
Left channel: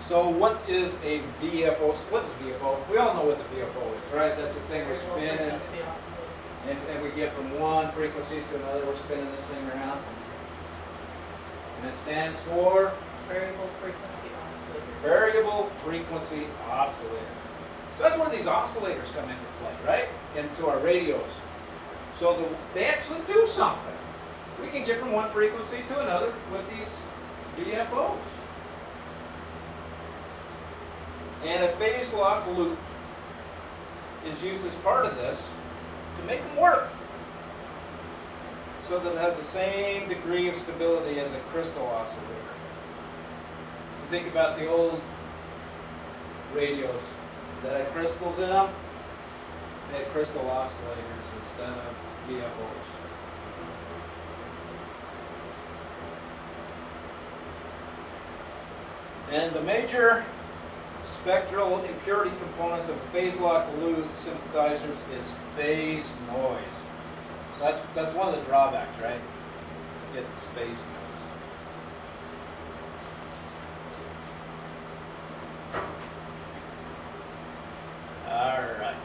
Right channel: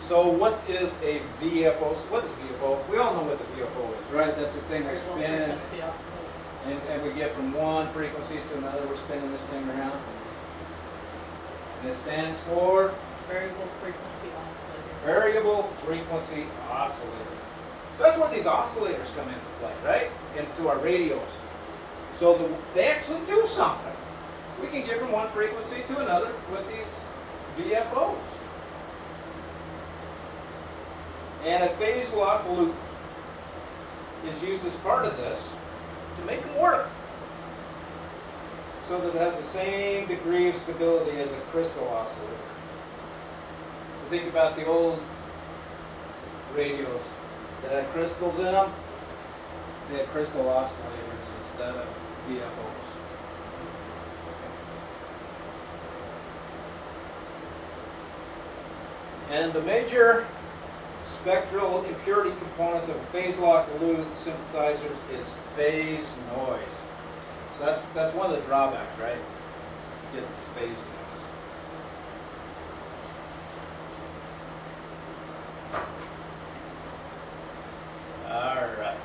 So what is a VFO? What is VFO? We all know what the VFO is, right? That's the thing we spin Frequency oscillator. and we get from one frequency to another. We're spinning this thing around. And it stands for Variable frequency oscillator. variable frequency oscillator. So that's where these oscillators come into play, right? Into our radios. So they actually do something. We can get from one frequency to another with these VFOs. And a phase-locked loop is used as part of this to make them work so that it has the same degree of stability as a crystal oscillator. Think about the old radios that had crystals in them. They had crystal oscillators instead of VFOs. And the major spectral impurity components of phase-locked loop synthesizers is phase noise. So that's one of the drawbacks, right? You get this phase noise. Alright.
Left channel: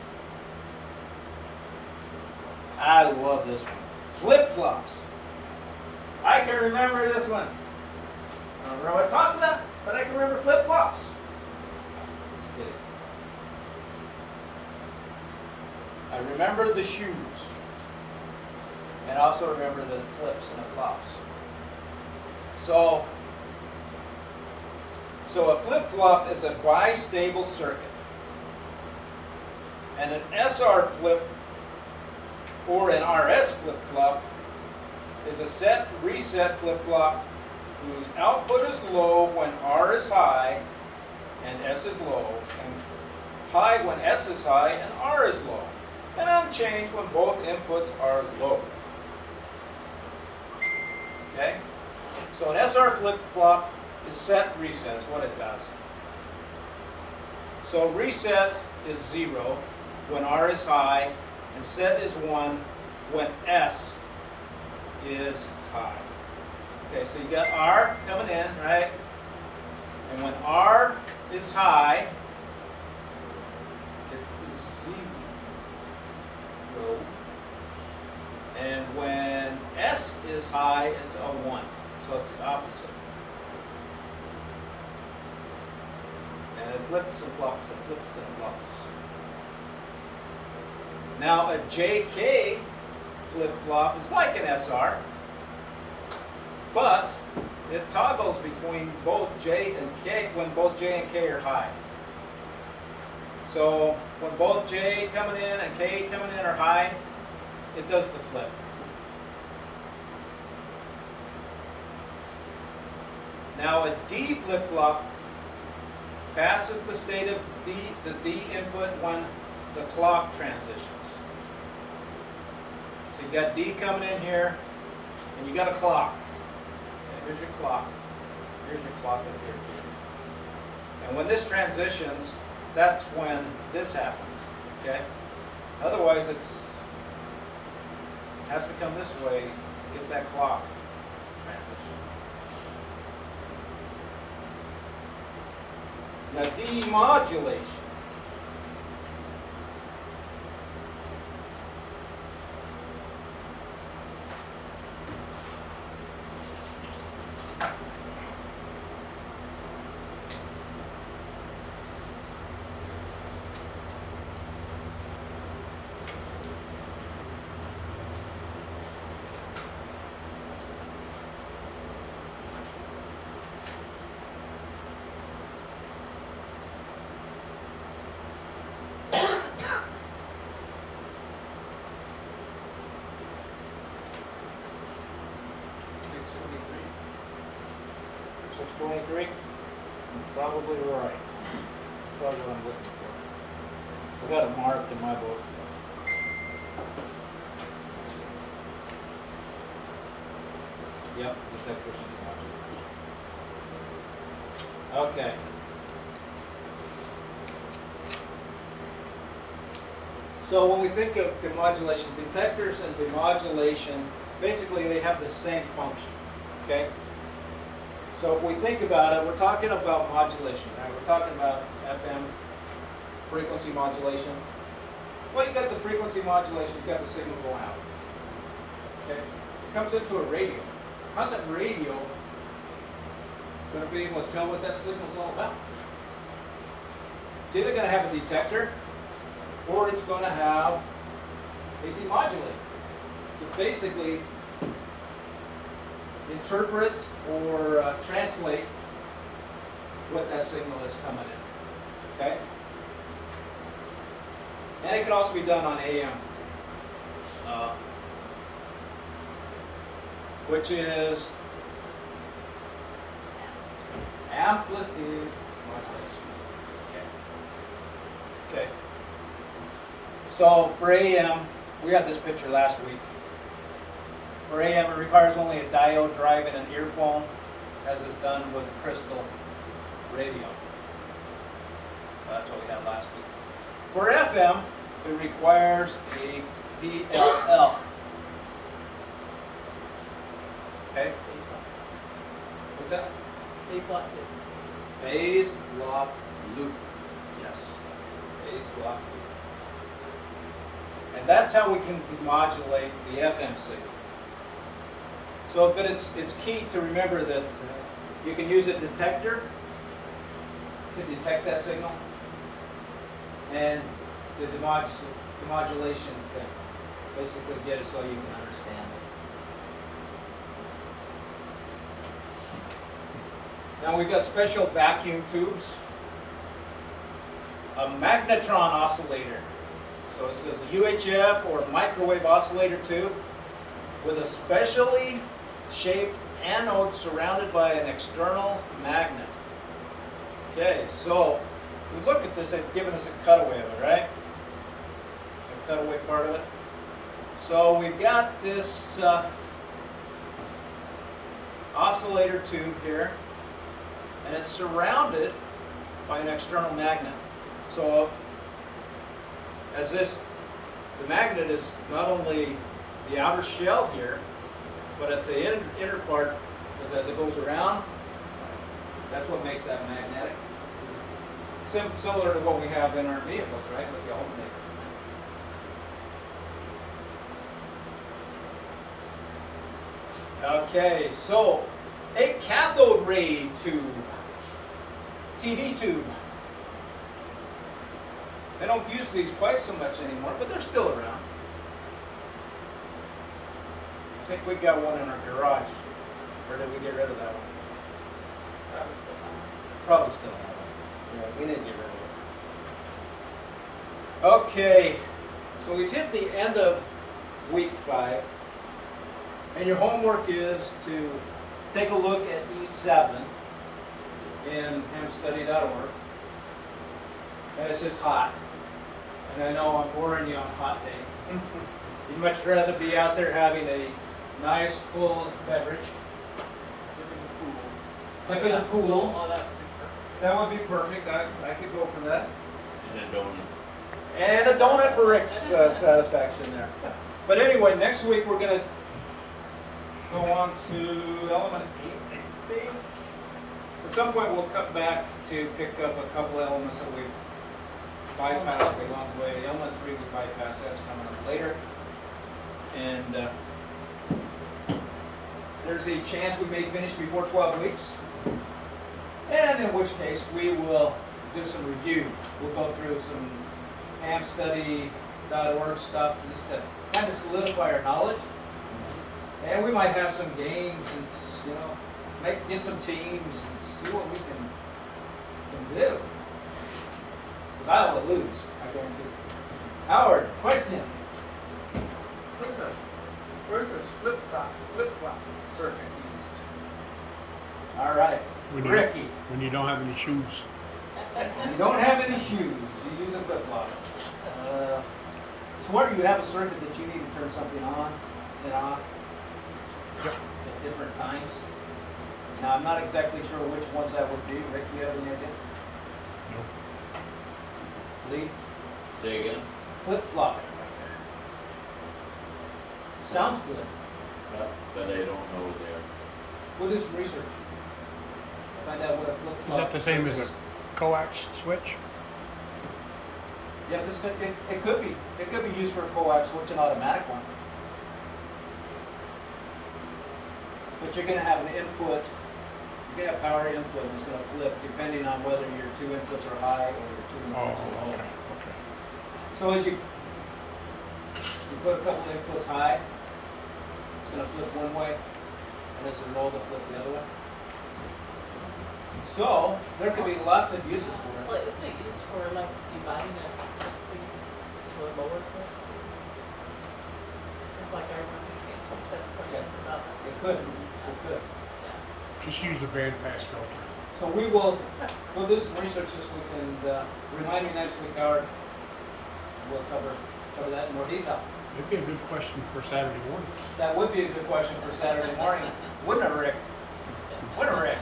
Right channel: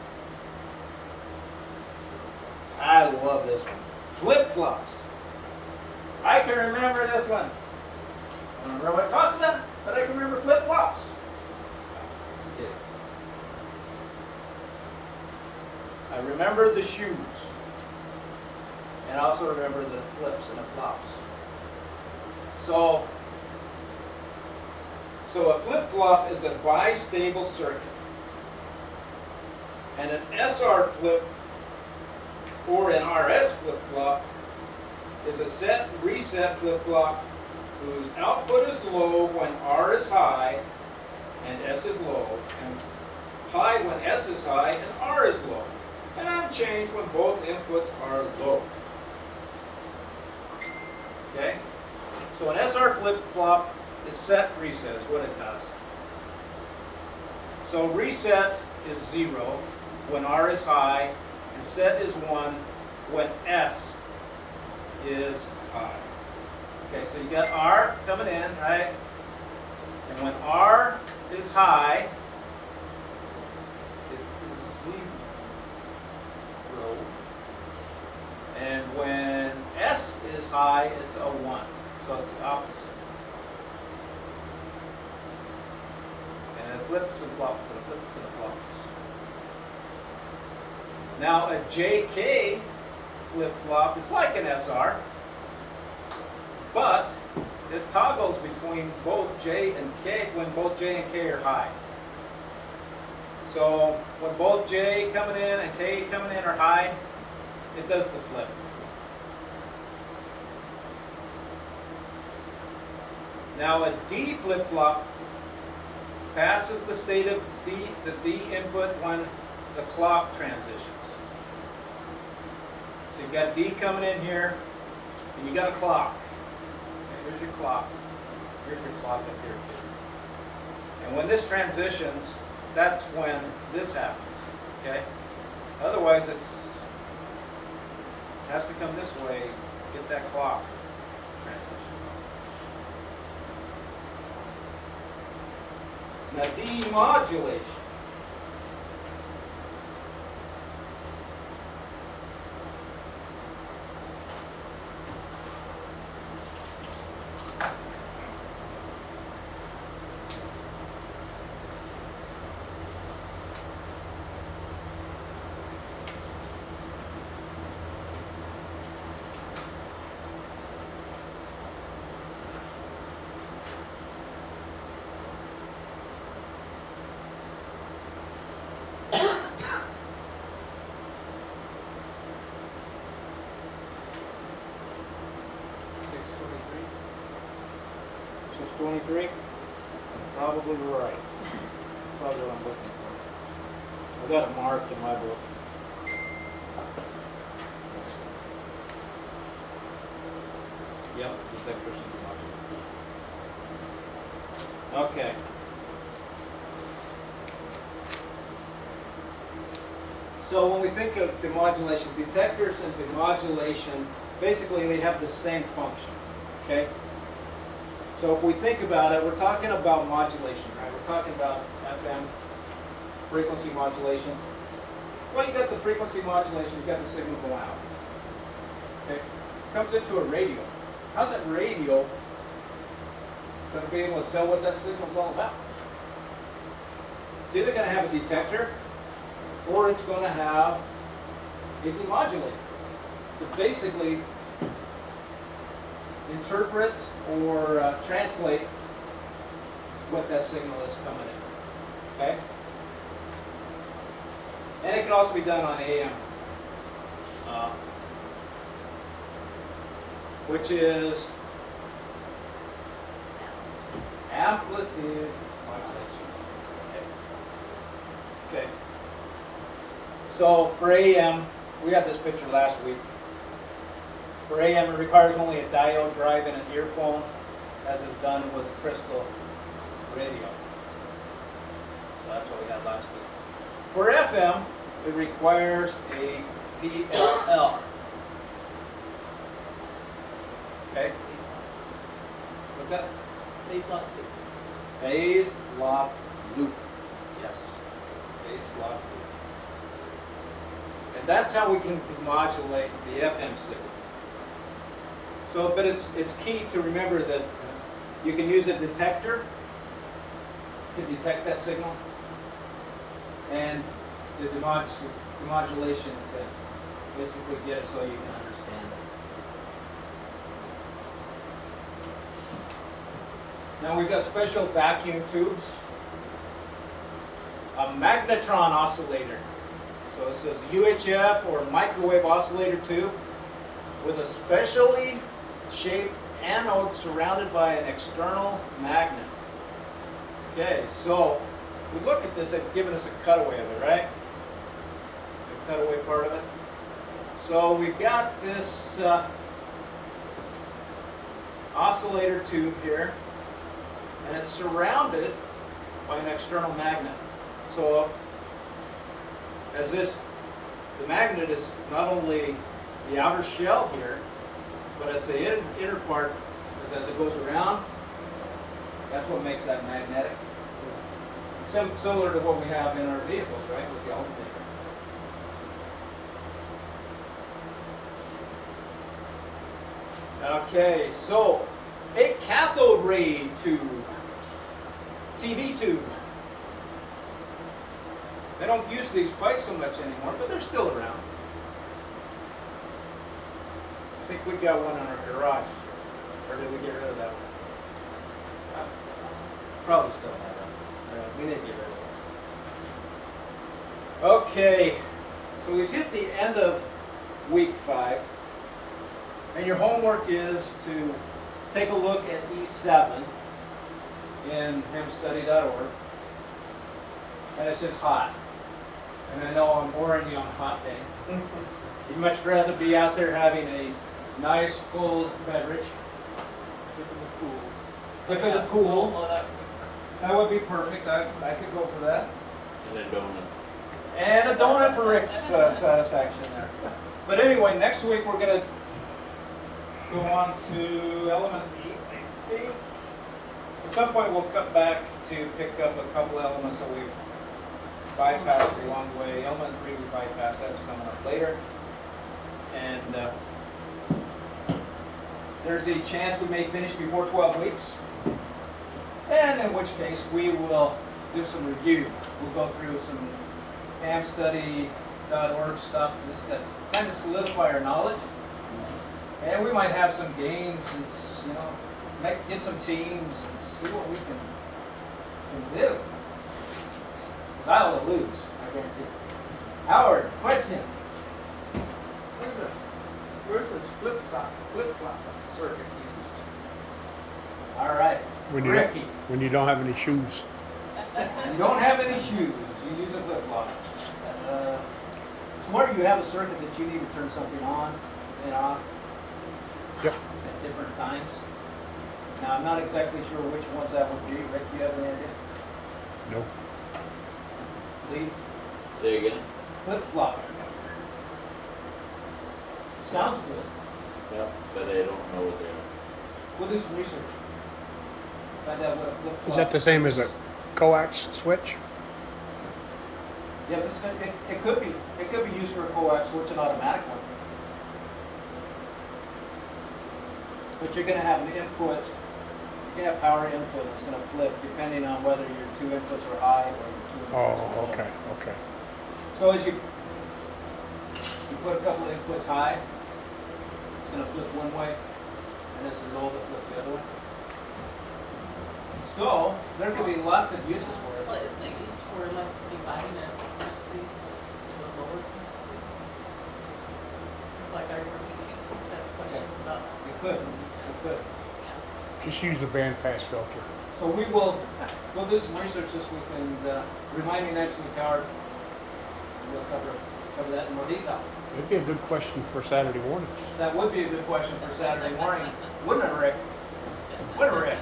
I love this one. Flip-flops. I can remember this one. I don't remember what it talks about, but I can remember flip-flops. Just kidding. I remember the shoes. And I also remember the flips and the flops. So a flip-flop is a bistable circuit. And an SR flip or an RS flip-flop is a set reset flip-flop whose output is low when R is high and S is low, and high when S is high and R is low, and unchanged when both inputs are low. Okay? So an SR flip-flop is set reset is what it does. So reset is 0 when R is high, and set is 1 when S is high. Okay, so you got R coming in, right? And when R is high, it's 0. And when S is high, it's a 1. So it's the opposite. And it flips and flops and it flips and it flops. Now a JK flip-flop, it's like an SR, but it toggles between both J and K when both J and K are high. So when both J coming in and K coming in are high, it does the flip. Now a D flip-flop passes the state of the D input when the clock transitions. So you've got D coming in here, and you got a clock. Okay, here's your clock. Here's your clock up here too. And when this transitions, that's when this happens. Okay? Otherwise, it has to come this way to get that clock transition. Now demodulation. Six 23? Probably right. Probably what I'm looking for. I got it marked in my book. Yep, just that person. Okay. So when we think of demodulation, detectors and demodulation, basically they have the same function, okay? So if we think about it, we're talking about modulation, right? We're talking about FM, frequency modulation. Well, you got the frequency modulation, you got the signal going out. Okay? Comes into a radio. How's that radio going to be able to tell what that signal's all about? It's either going to have a detector or it's going to have a demodulator to basically interpret or translate what that signal is coming in. Okay? And it can also be done on AM, which is amplitude modulation. Okay. So for AM, we got this picture last week. For AM, it requires only a diode drive and an earphone, as is done with a crystal radio. So that's what we had last week. For FM, it requires a PLL. Okay? What's that? Phase lock loop. Phase lock loop. Yes. Phase lock loop. And that's how we can demodulate the FM signal. So, but it's key to remember that you can use a detector to detect that signal, and the demodulation to basically get it so you can understand it. Now we've got special vacuum tubes, a magnetron oscillator. So it says UHF or microwave oscillator tube with a specially shaped anode surrounded by an external magnet. Okay, so we look at this, they've given us a cutaway of it, right? The cutaway part of it. So we've got this oscillator tube here, and it's surrounded by an external magnet. So as this, the magnet is not only the outer shell here, but it's the inner part, as it goes around, that's what makes that magnetic. Similar to what we have in our vehicles, right, with the alternator. Okay, so a cathode ray tube, TV tube. They don't use these quite so much anymore, but they're still around. I think we got one in our garage, or did we get rid of that one? still on. Probably still have it. Yeah, we need to get rid of it. Okay, so we've hit the end of week 5. And your homework is to take a look at E7 in hamstudy.org. And it says hot. And I know I'm boring you on a hot day. You'd much rather be out there having a nice cold beverage. Dip in the pool. Oh, that would be perfect. That would be perfect. I could go for that. And a donut. And a donut for Rick's satisfaction there. But anyway, next week we're going to go on to element 8, I think. At some point we'll come back to pick up a couple elements that we bypassed along the way. Element 3 we bypassed, that's coming up later. And there's a chance we may finish before 12 weeks. And in which case we will do some review. We'll go through some hamstudy.org stuff just to kind of solidify our knowledge. And we might have some games and, you know, get some teams and see what we can do. Because I will lose, I guarantee. Howard, question? Where's this flip-flop circuit used? All right. When you- Ricky, When you don't have any shoes. you don't have any shoes. You use a flip-flop. So where you have a circuit that you need to turn something on and off Yep. at different times. Now, I'm not exactly sure which ones that would be. Rick, you have any idea? No. Lee? Say again? Flip-flop. Sounds good. But I don't know there. We'll do some research. Find out what a flip-flop Is that the same as a coax switch? Yeah, it could be used for a coax switch, an automatic one. But you're gonna have an input, you're gonna have power input, it's gonna flip depending on whether your 2 inputs are high or your 2 Oh, inputs are low. okay, okay. So as you put a couple inputs high, it's gonna flip one way, and as you're low, it'll flip the other way. So, there could be lots of uses for it. Well, isn't it used for like dividing a frequency to a lower frequency? Seems like I remember seeing some test questions about. It could. Just use the bandpass filter. So we'll do some research this week and remind me next week, Howard. We'll cover that in more detail. It'd be a good question for Saturday morning. That would be a good question for Saturday morning, wouldn't it, Rick? Wouldn't it, Rick?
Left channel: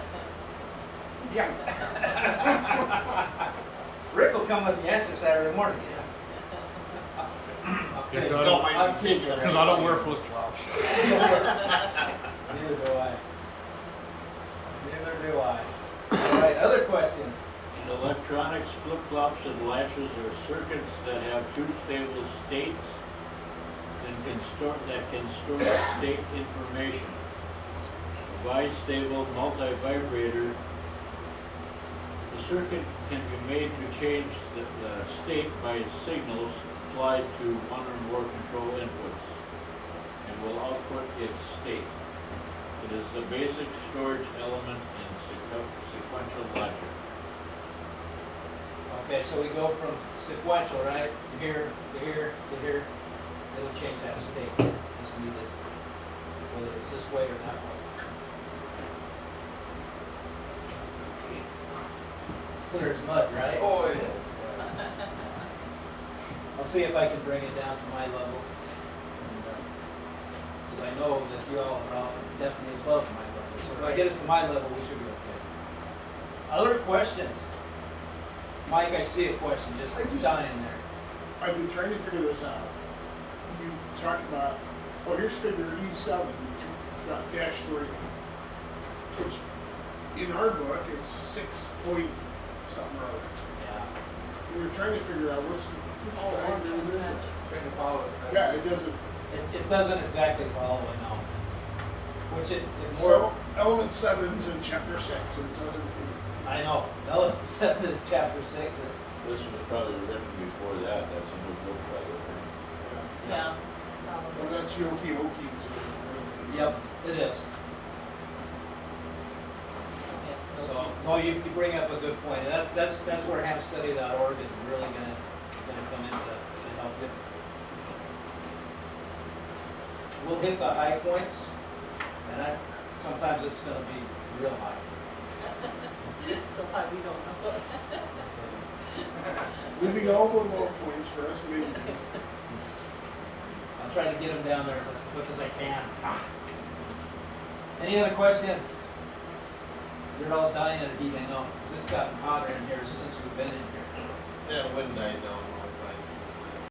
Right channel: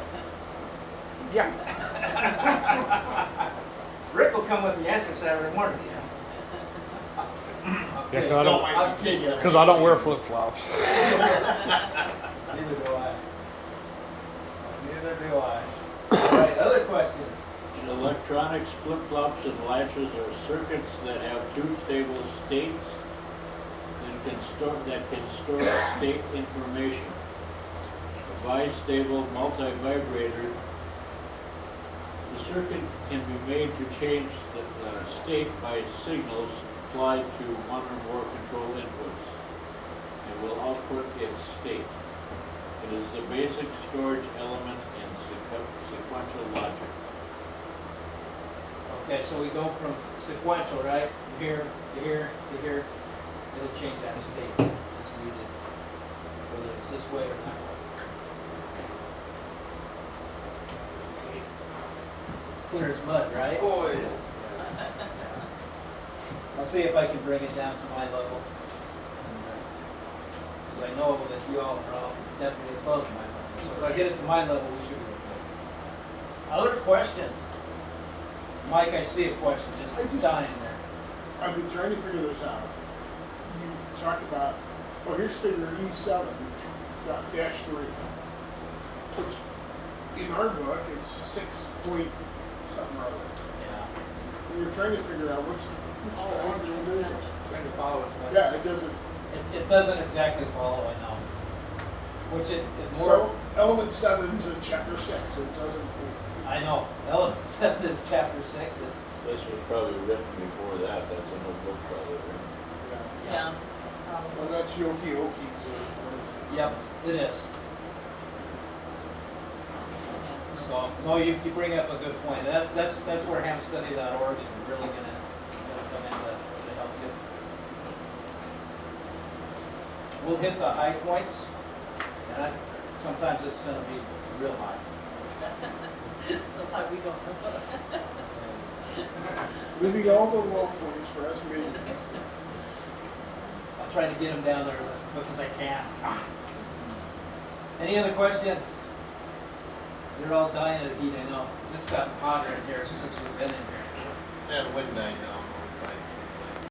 Yeah. Rick will come with the answer Saturday morning. Yeah, Okay, 'cause I don't- I'm kidding. Because I don't wear flip-flops. Neither do I. Neither do I. All right, other questions? In electronics, flip-flops and latches are circuits that have 2 stable states and can store state information. A bistable multivibrator, the circuit can be made to change the state by signals applied to one or more control inputs. It will output its state. It is the basic storage element in sequential logic. Okay, so we go from sequential, right? Here to here to here. It'll change that state as needed, whether it's this way or that way. It's clear as mud, right? Oh, it is. I'll see if I can bring it down to my level. Because I know that you all are all definitely above my level. So if I get it to my level, we should be okay. Other questions? Mike, I see a question just dying there. I've been trying to figure this out. You talk about, well, here's figure E7, dash 3. Which, in our book, it's 6 point something or other. Yeah. And you're trying to figure out which factor it is. Trying to follow us. Yeah, it doesn't. It doesn't exactly follow, I know. Which it more, So, element 7's in chapter 6, it doesn't. I know, element 7 is chapter 6. This was probably written before that, that's a new book probably, right? Yeah. Well, that's Yoki Oki's or whatever. Yep, it is. So So, no, you bring up a good point, and that's where hempstudy.org is really gonna come in to help you. We'll hit the high points, and sometimes it's gonna be real high. So high we don't know. Leaving all the low points for us meetings. I'll try to get them down there as quick as I can. Any other questions? You're all dying of heating up. It's gotten hotter in here since we've been in here. That wind died though.